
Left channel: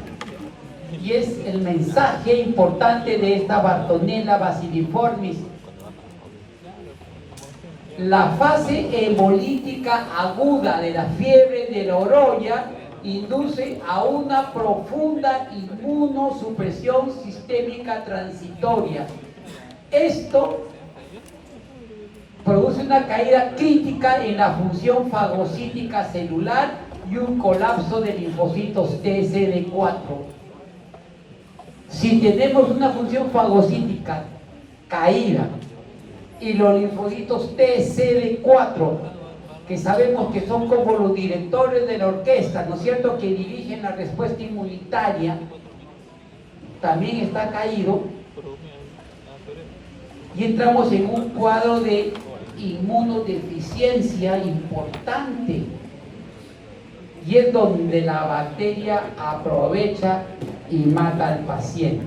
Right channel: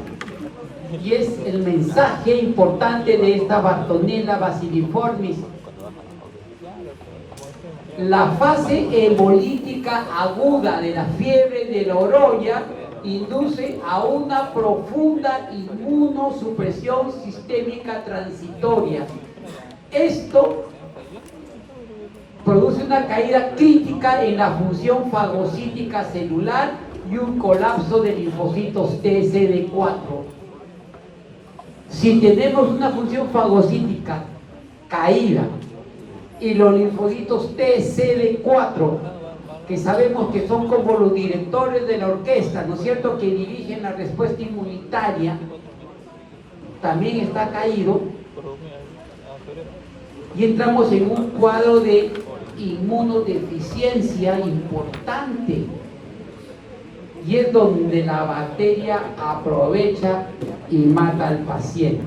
y es el mensaje importante de esta Bartonella bacilliformis. La fase hebolítica aguda de la fiebre de la oroya induce a una profunda inmunosupresión sistémica transitoria. Esto produce una caída crítica en la función fagocítica celular y un colapso de linfocitos TCD4. Si tenemos una función fagocítica caída y los linfocitos TCD4, que sabemos que son como los directores de la orquesta, ¿no es cierto?, que dirigen la respuesta inmunitaria, también está caído, y entramos en un cuadro de inmunodeficiencia importante, y es donde la bacteria aprovecha y mata al paciente.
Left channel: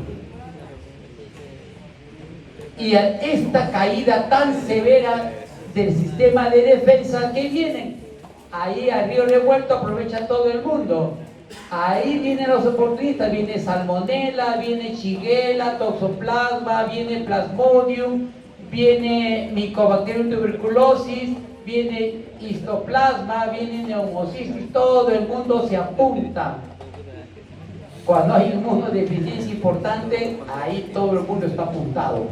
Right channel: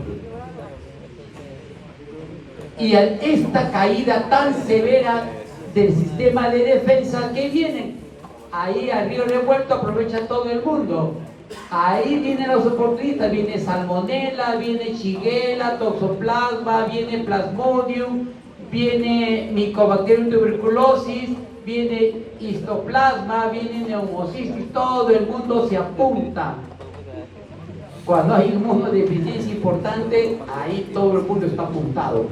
Y a esta caída tan severa del sistema de defensa que viene, ahí al río revuelto aprovecha todo el mundo. Ahí vienen los oportunistas, viene salmonella, viene shigella, toxoplasma, viene plasmodium, viene mycobacterium tuberculosis, viene histoplasma, viene neumocistis, todo el mundo se apunta. Cuando hay un inmunodeficiencia importante, ahí todo el mundo está apuntado.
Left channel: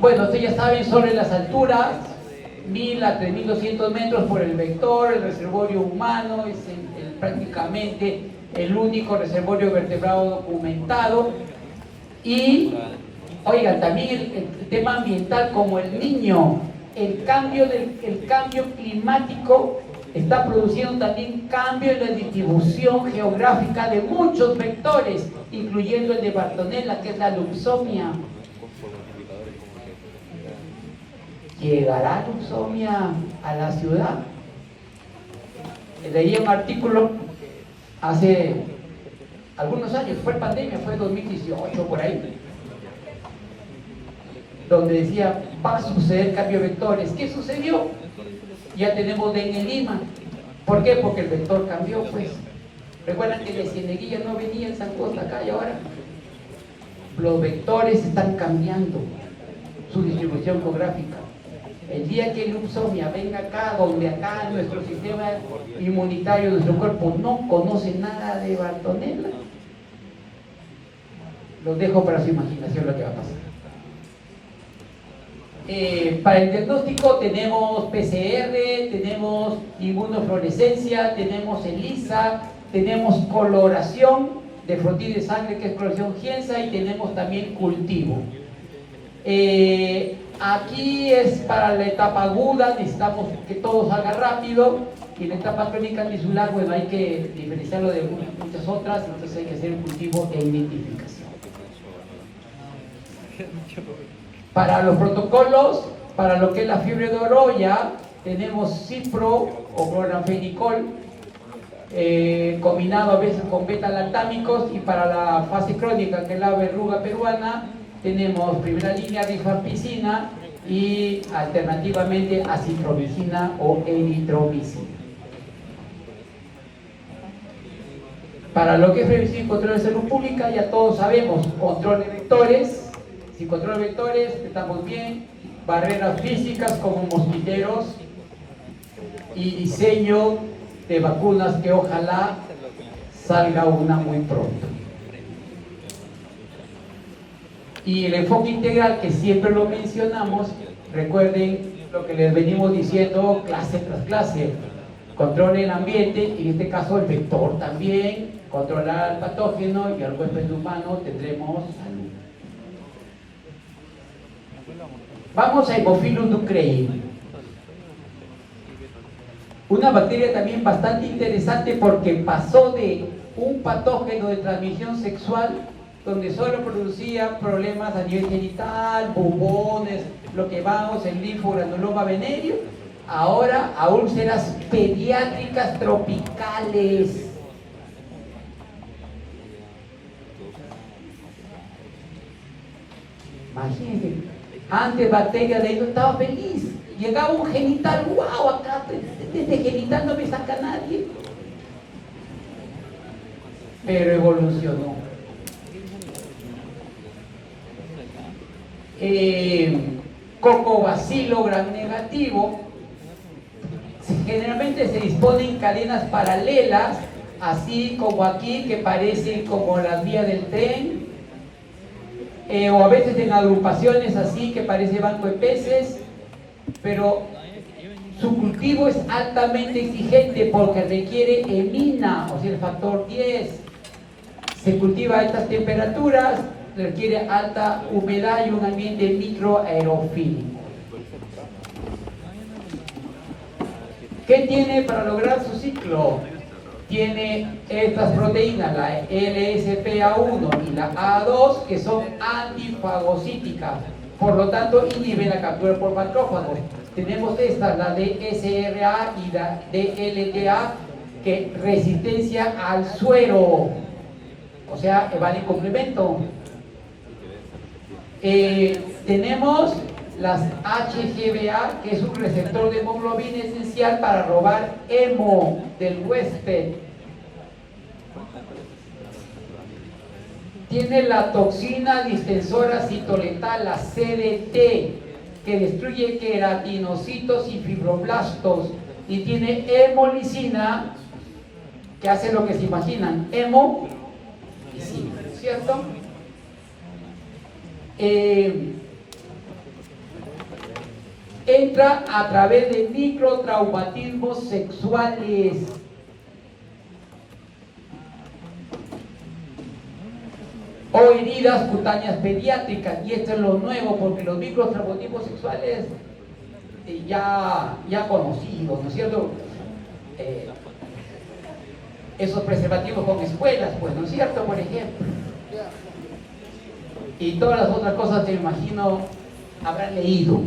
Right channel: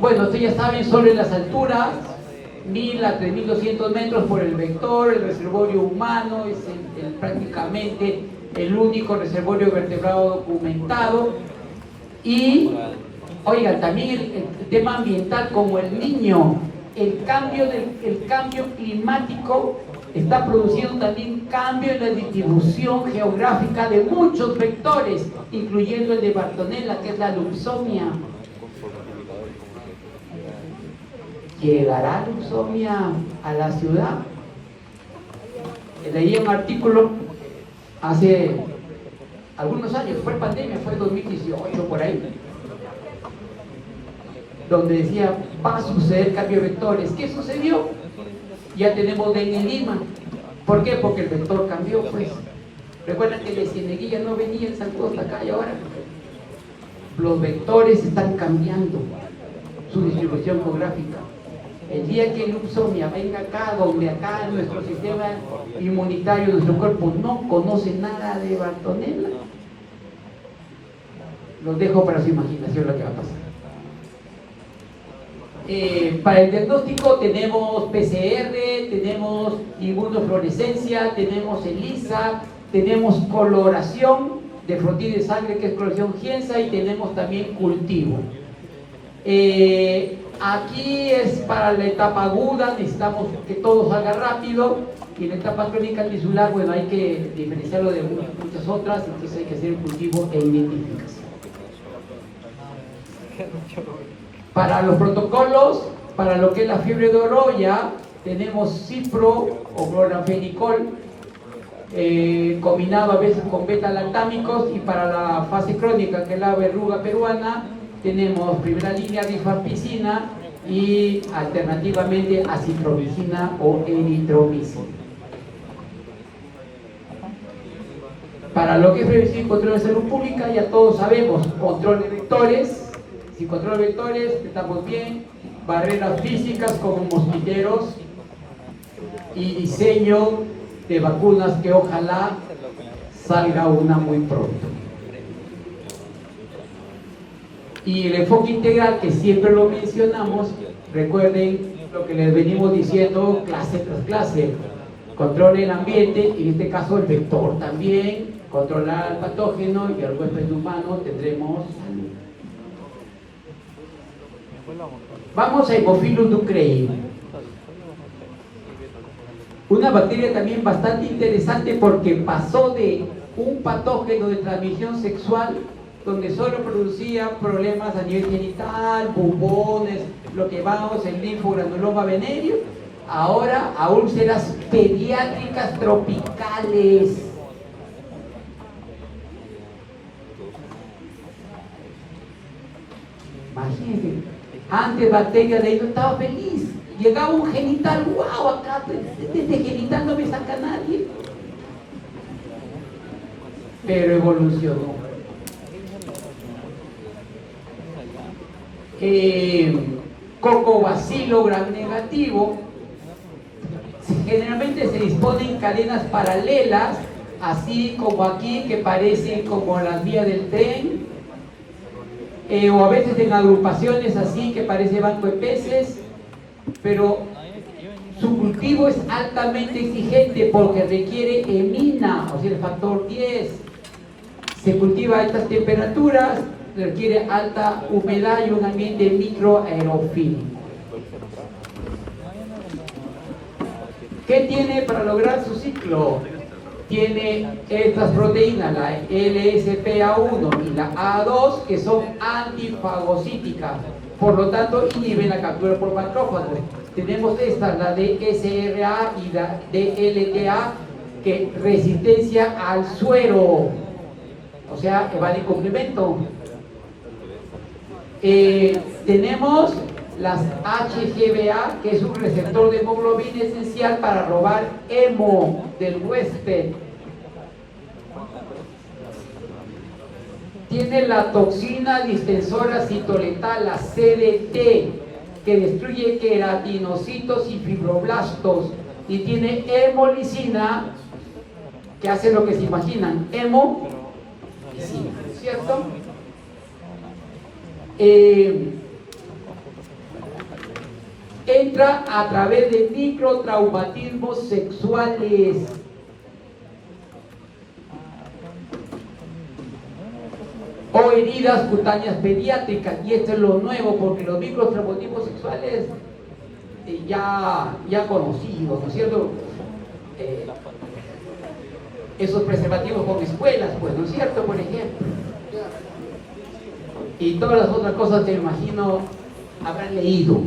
Bueno, ustedes ya saben sobre las alturas, 1000 a 3200 metros por el vector, el reservorio humano es prácticamente el único reservorio vertebrado documentado. Y, oigan, también el tema ambiental, como el niño, el cambio climático está produciendo también cambio en la distribución geográfica de muchos vectores, incluyendo el de Bartonella, que es la luxomia. ¿Llegará luxomia a la ciudad? Leí un artículo hace algunos años, fue pandemia, fue 2018 por ahí, donde decía, va a suceder cambio de vectores. ¿Qué sucedió? Ya tenemos dengue en Lima. ¿Por qué? Porque el vector cambió, pues. Recuerdan que la cieneguilla no venía en San Cruz acá y ahora los vectores están cambiando su distribución geográfica. El día que el Luxomia venga acá, donde acá nuestro sistema inmunitario, nuestro cuerpo no conoce nada de Bartonella, los dejo para su imaginación lo que va a pasar. Para el diagnóstico tenemos PCR, tenemos inmunofluorescencia, tenemos ELISA, tenemos coloración de frotil de sangre, que es coloración Gienza, y tenemos también cultivo. Aquí es para la etapa aguda, necesitamos que todo salga rápido, y en la etapa crónica tisular, bueno, hay que diferenciarlo de muchas otras, entonces hay que hacer el cultivo e identificación. Para los protocolos, para lo que es la fiebre de Oroya, tenemos cipro o cloranfenicol, combinado a veces con beta-lactámicos, y para la fase crónica, que es la verruga peruana, tenemos primera línea rifampicina y alternativamente acitromicina o eritromicina. Para lo que es prevención y control de salud pública, ya todos sabemos, control de vectores. Si control de vectores, estamos bien. Barreras físicas como mosquiteros y diseño de vacunas, que ojalá salga una muy pronto. Y el enfoque integral, que siempre lo mencionamos, recuerden lo que les venimos diciendo clase tras clase: control el ambiente, y en este caso el vector también, controlar el patógeno, y al huésped humano tendremos salud. Vamos a Haemophilus ducreyi, una bacteria también bastante interesante, porque pasó de un patógeno de transmisión sexual, donde solo producía problemas a nivel genital, bubones, lo que vamos en linfogranuloma venéreo, ahora a úlceras pediátricas tropicales. Imagínense, antes bacteria de ellos estaba feliz, llegaba un genital, wow, acá desde genital no me saca nadie, pero evolucionó. Cocobacilo gram negativo, generalmente se disponen cadenas paralelas, así como aquí, que parecen como las vías del tren, o a veces en agrupaciones así, que parece banco de peces, pero su cultivo es altamente exigente porque requiere emina, o sea, el factor 10. Se cultiva a estas temperaturas, requiere alta humedad y un ambiente microaerofílico. ¿Qué tiene para lograr su ciclo? Tiene estas proteínas, la LSPA1 y la A2, que son antifagocíticas, por lo tanto inhiben la captura por macrófagos. Tenemos estas, la DSRA y la DLTA, que resistencia al suero, o sea, evade complemento. Tenemos las HGBA, que es un receptor de hemoglobina esencial para robar hemo del huésped. Tiene la toxina distensora citoletal, la CDT, que destruye queratinocitos y fibroblastos. Y tiene hemolicina, que hace lo que se imaginan, hemolicina, ¿cierto? Entra a través de microtraumatismos sexuales. O heridas cutáneas pediátricas, y esto es lo nuevo, porque los microtraumatismos sexuales ya conocidos, ¿no es cierto? esos preservativos con espuelas, pues, ¿no es cierto? Por ejemplo. Y todas las otras cosas que me imagino habrán leído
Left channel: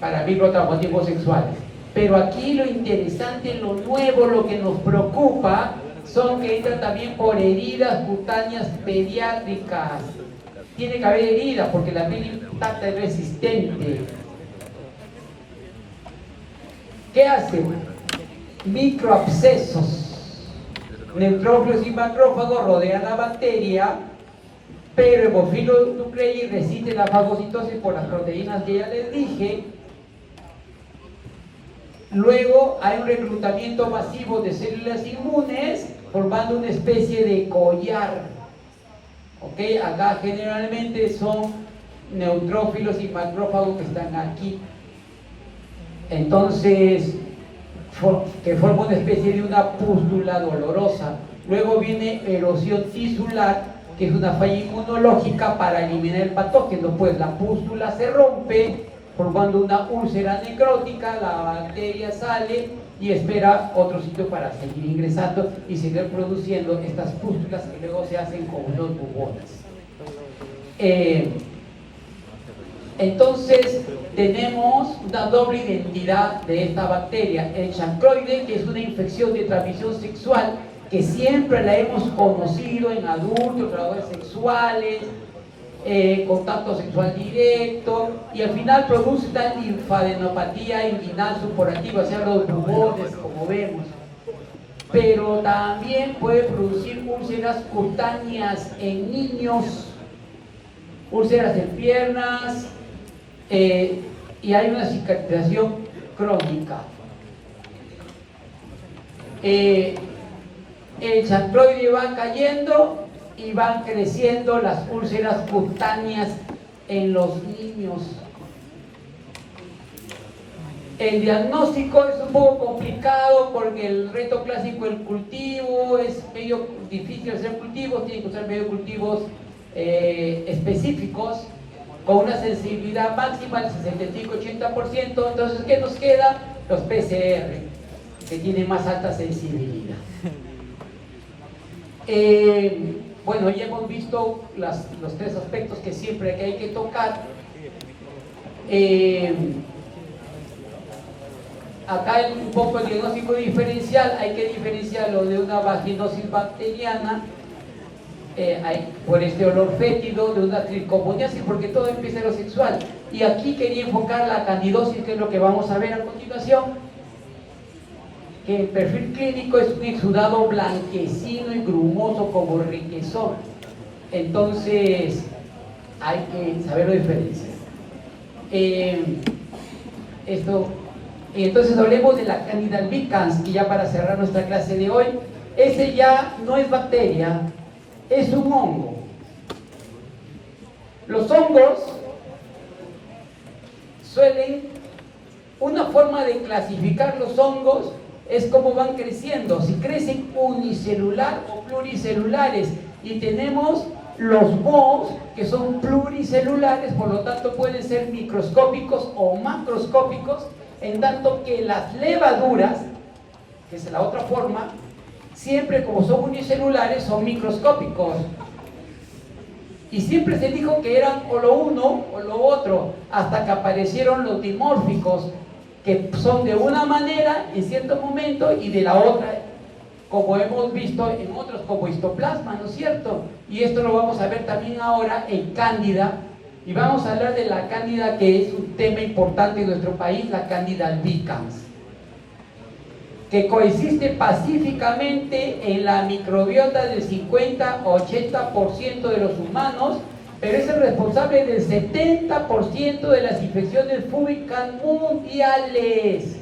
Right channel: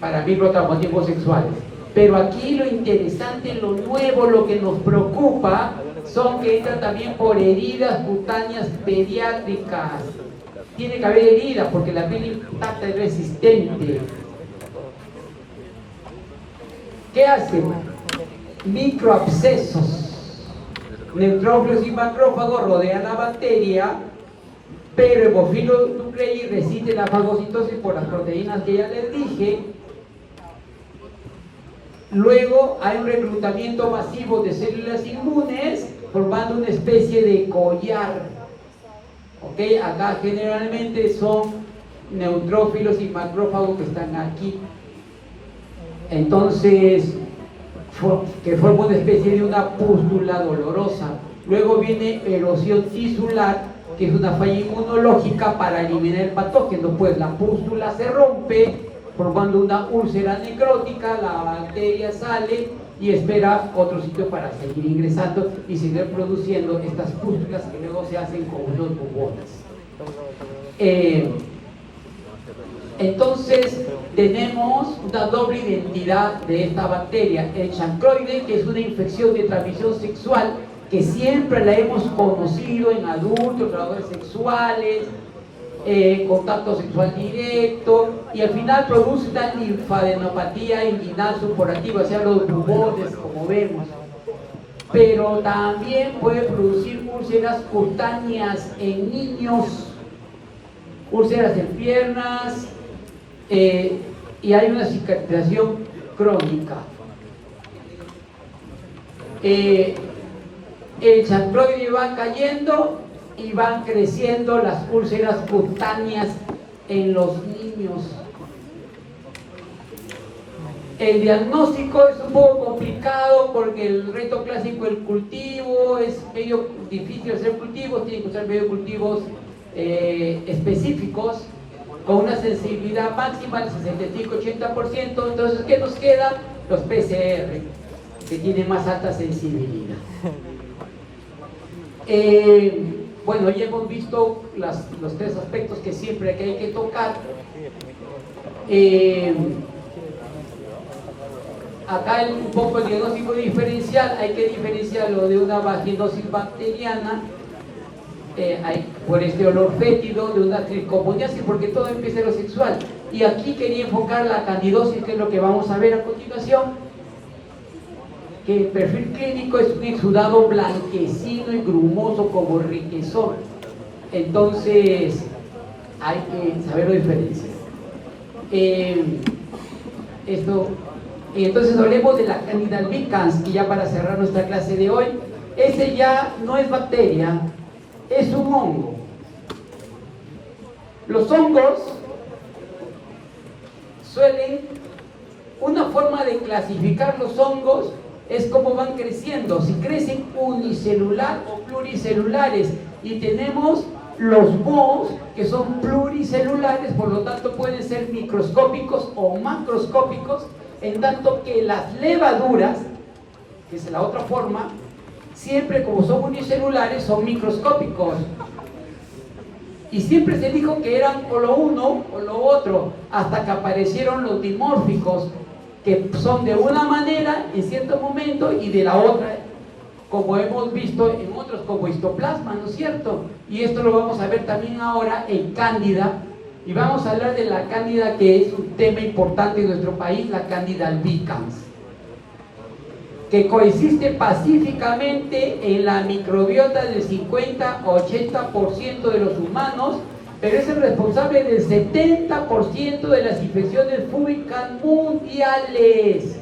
para microtraumatismos sexuales. Pero aquí lo interesante, lo nuevo, lo que nos preocupa, son que entran también por heridas cutáneas pediátricas. Tiene que haber heridas porque la piel intacta es resistente. ¿Qué hacen? Microabscesos. Neutrófilos y macrófagos rodean la bacteria, pero Hemophilus nuclei resiste la fagocitosis por las proteínas que ya les dije. Luego hay un reclutamiento masivo de células inmunes formando una especie de collar. ¿Ok? Acá generalmente son neutrófilos y macrófagos que están aquí. Entonces, que forma una especie de una pústula dolorosa. Luego viene erosión tisular, que es una falla inmunológica para eliminar el patógeno, pues la pústula se rompe, formando una úlcera necrótica, la bacteria sale y espera otro sitio para seguir ingresando y seguir produciendo estas pústulas que luego se hacen como unos bubones. Entonces tenemos una doble identidad de esta bacteria, el chancroide, que es una infección de transmisión sexual que siempre la hemos conocido en adultos, trabajadores sexuales, contacto sexual directo, y al final produce una linfadenopatía inguinal supurativa, o sea, los bubones, como vemos. Pero también puede producir úlceras cutáneas en niños, úlceras en piernas, y hay una cicatrización crónica. El chancroide va cayendo y van creciendo las úlceras cutáneas en los niños. El diagnóstico es un poco complicado porque el reto clásico del cultivo es medio difícil hacer cultivos, tienen que usar medio cultivos específicos con una sensibilidad máxima del 65-80%. Entonces, ¿qué nos queda? Los PCR, que tienen más alta sensibilidad. Bueno, ya hemos visto los tres aspectos que siempre hay que tocar. Acá hay un poco el diagnóstico diferencial, hay que diferenciarlo de una vaginosis bacteriana, por este olor fétido, de una tricomoniasis, porque todo empieza en lo sexual. Y aquí quería enfocar la candidosis, que es lo que vamos a ver a continuación, que el perfil clínico es un exudado blanquecino y grumoso como requesón. Entonces, hay que saber la diferencia. Entonces hablemos de la Candida albicans, y ya para cerrar nuestra clase de hoy, ese ya no es bacteria, es un hongo. Los hongos una forma de clasificar los hongos es cómo van creciendo, si crecen unicelular o pluricelulares, y tenemos los mohos que son pluricelulares, por lo tanto pueden ser microscópicos o macroscópicos, en tanto que las levaduras, que es la otra forma, siempre como son unicelulares son microscópicos. Y siempre se dijo que eran o lo uno o lo otro, hasta que aparecieron los dimórficos, que son de una manera en cierto momento y de la otra, como hemos visto en otros, como histoplasma, ¿no es cierto? Y esto lo vamos a ver también ahora en Cándida, y vamos a hablar de la Cándida, que es un tema importante en nuestro país, la Cándida albicans, que coexiste pacíficamente en la microbiota del 50-80% de los humanos, pero es el responsable del 70% de las infecciones fúngicas mundiales,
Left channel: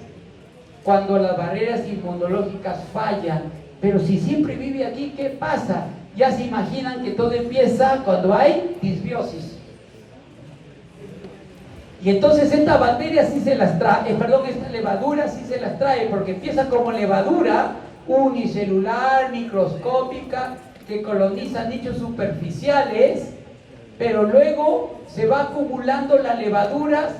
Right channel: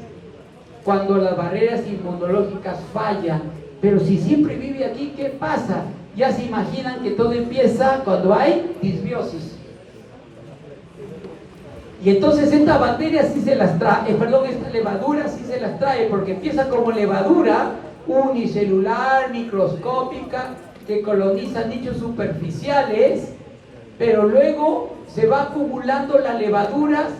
cuando las barreras inmunológicas fallan. Pero si siempre vive aquí, ¿qué pasa? Ya se imaginan que todo empieza cuando hay disbiosis. Y entonces esta bacteria sí se las trae, esta levadura sí se las trae, porque empieza como levadura unicelular, microscópica, que coloniza nichos superficiales, pero luego se va acumulando las levaduras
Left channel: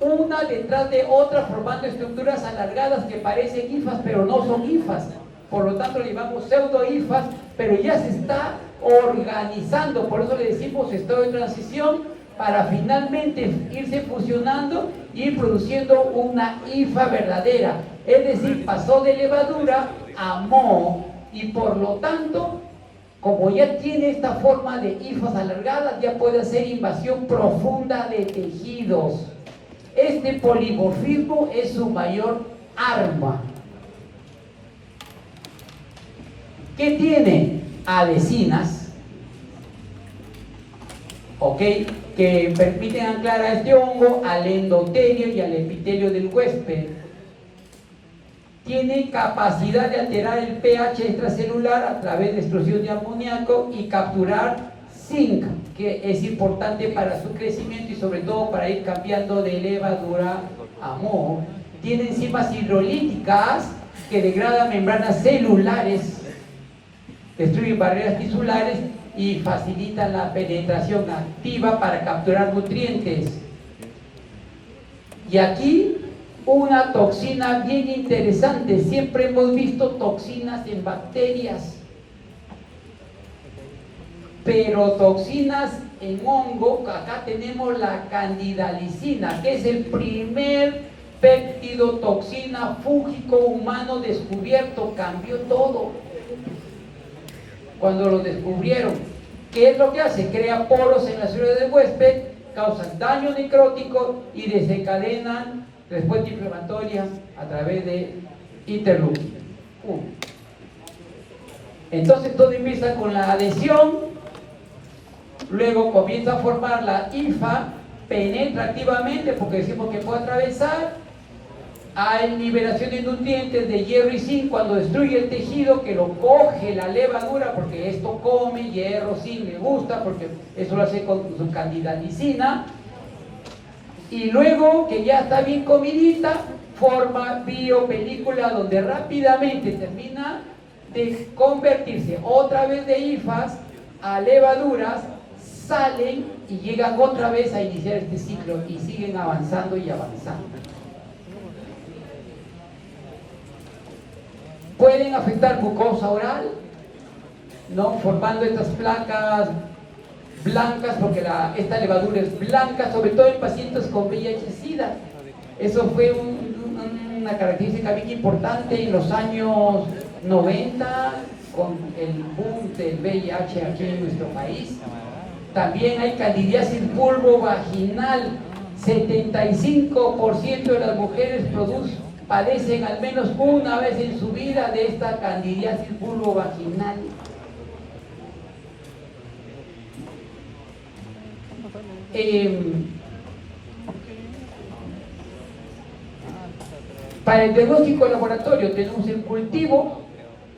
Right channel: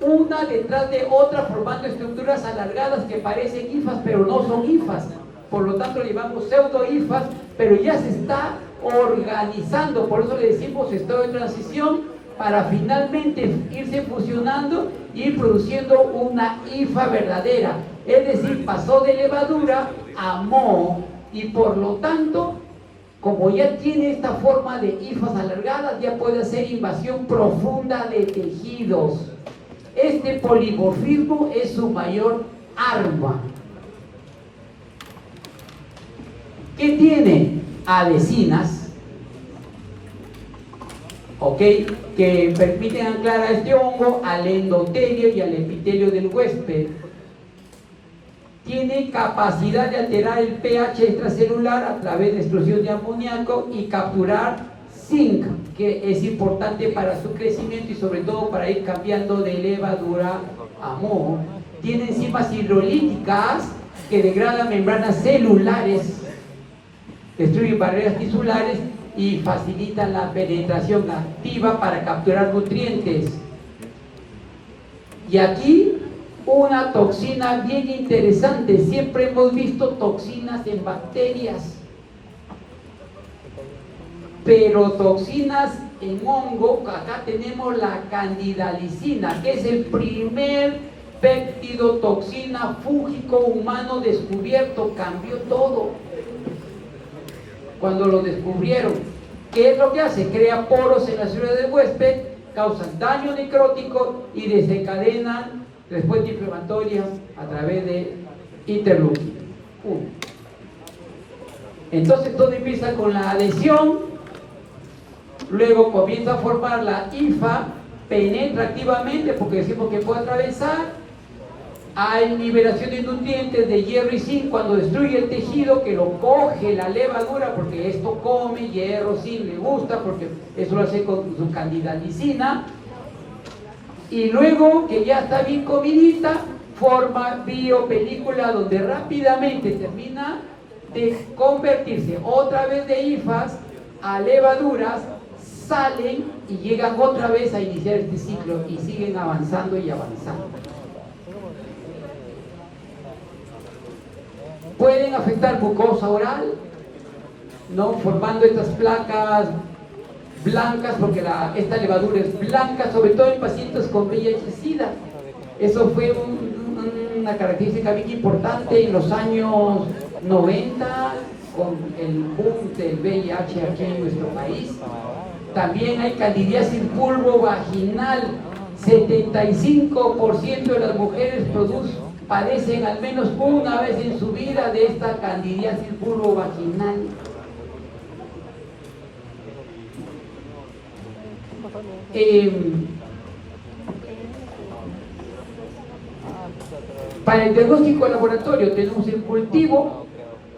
una detrás de otra, formando estructuras alargadas que parecen hifas, pero no son hifas. Por lo tanto, le llamamos pseudo-hifas, pero ya se está organizando. Por eso le decimos estado de transición, para finalmente irse fusionando y ir produciendo una hifa verdadera. Es decir, pasó de levadura a moho, y por lo tanto, como ya tiene esta forma de hifas alargadas, ya puede hacer invasión profunda de tejidos. Este polimorfismo es su mayor arma. ¿Qué tiene? Adhesinas, ¿ok?, que permiten anclar a este hongo al endotelio y al epitelio del huésped. Tiene capacidad de alterar el pH extracelular a través de extrusión de amoníaco y capturar zinc, que es importante para su crecimiento y sobre todo para ir cambiando de levadura a moho. Tiene enzimas hidrolíticas que degradan membranas celulares, destruyen barreras tisulares y facilitan la penetración activa para capturar nutrientes. Y aquí una toxina bien interesante. Siempre hemos visto toxinas en bacterias, pero toxinas en hongo, acá tenemos la candidalicina, que es el primer péptido toxina fúngico humano descubierto. Cambió todo cuando lo descubrieron. ¿Qué es lo que hace? Crea poros en las células del huésped, causan daño necrótico y desencadenan respuesta inflamatoria a través de interleukin 1. Entonces todo empieza con la adhesión, luego comienza a formar la hifa, penetra activamente porque decimos que puede atravesar. Hay liberación de nutrientes de hierro y zinc cuando destruye el tejido, que lo coge la levadura, porque esto come hierro, zinc, le gusta, porque eso lo hace con su candidalicina. Y luego que ya está bien comidita, forma biopelícula, donde rápidamente termina de convertirse otra vez de hifas a levaduras, salen y llegan otra vez a iniciar este ciclo y siguen avanzando y avanzando. Pueden afectar mucosa oral, ¿no?, formando estas placas blancas, porque esta levadura es blanca, sobre todo en pacientes con VIH-Sida. Eso fue una característica bien importante en los años 90, con el boom del VIH aquí en nuestro país. También hay candidiasis vulvovaginal. 75% de las mujeres padecen al menos una vez en su vida de esta candidiasis vulvovaginal. Para el diagnóstico de laboratorio tenemos el cultivo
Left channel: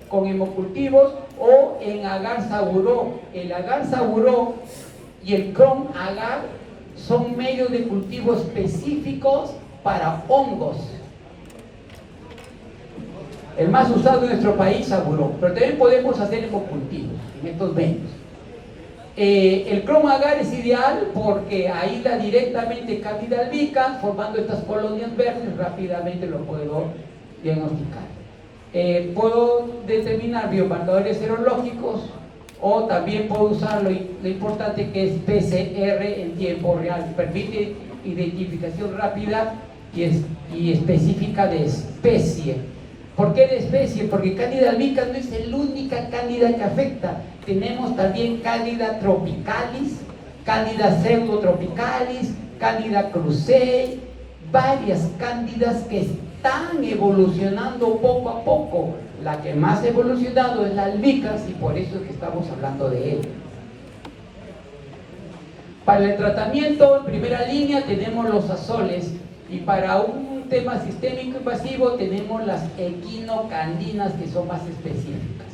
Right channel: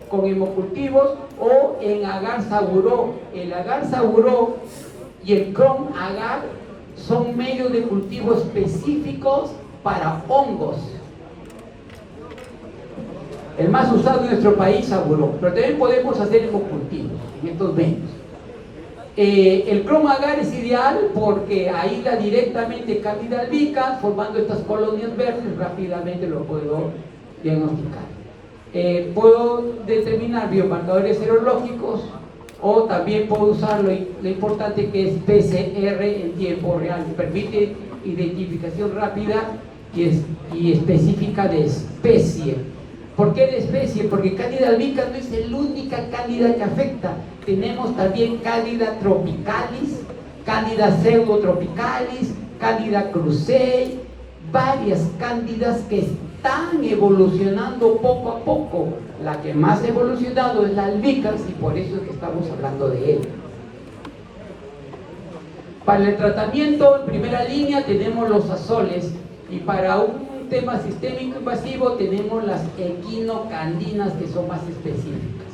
con hemocultivos o en agar-saburó. El agar-saburó y el crom-agar son medios de cultivo específicos para hongos. El más usado en nuestro país, saburó, pero también podemos hacer hemocultivos en estos medios. El crom-agar es ideal porque aísla directamente Candida albicans, formando estas colonias verdes. Rápidamente lo puedo diagnosticar. Puedo determinar biomarcadores serológicos, o también puedo usar lo importante que es PCR en tiempo real. Permite identificación rápida y específica de especie. ¿Por qué de especie? Porque Candida albicans no es la única cándida que afecta. Tenemos también Candida tropicalis, Candida pseudotropicalis, Candida krusei, varias cándidas que están evolucionando poco a poco. La que más ha evolucionado es la albicans y por eso es que estamos hablando de él. Para el tratamiento, en primera línea tenemos los azoles, y para un tema sistémico invasivo tenemos las equinocandinas, que son más específicas.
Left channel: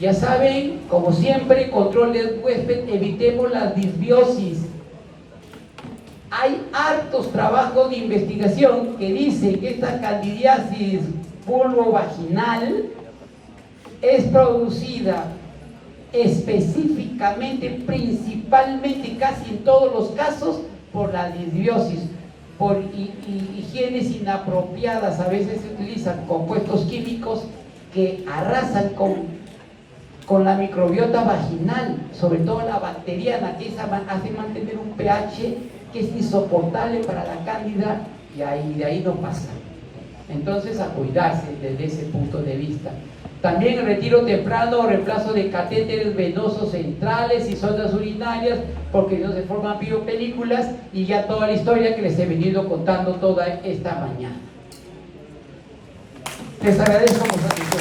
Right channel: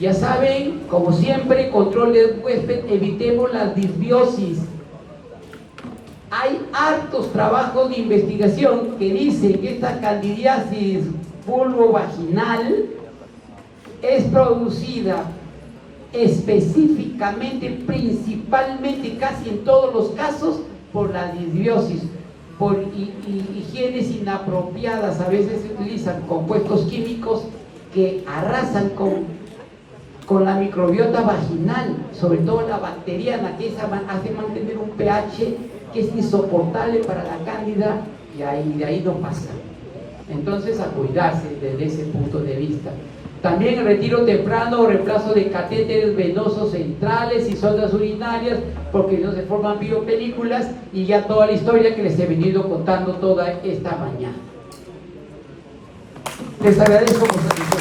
Ya saben, como siempre, control del huésped, evitemos las disbiosis. Hay hartos trabajos de investigación que dicen que esta candidiasis vulvovaginal es producida específicamente, principalmente, casi en todos los casos, por la disbiosis, por higienes inapropiadas. A veces se utilizan compuestos químicos que arrasan con la microbiota vaginal, sobre todo la bacteriana, que esa hace mantener un pH que es insoportable para la cándida, y de ahí no pasa. Entonces, a cuidarse desde ese punto de vista. También retiro temprano o reemplazo de catéteres venosos centrales y sondas urinarias, porque no se forman biopelículas, y ya toda la historia que les he venido contando toda esta mañana. Les agradezco por su atención.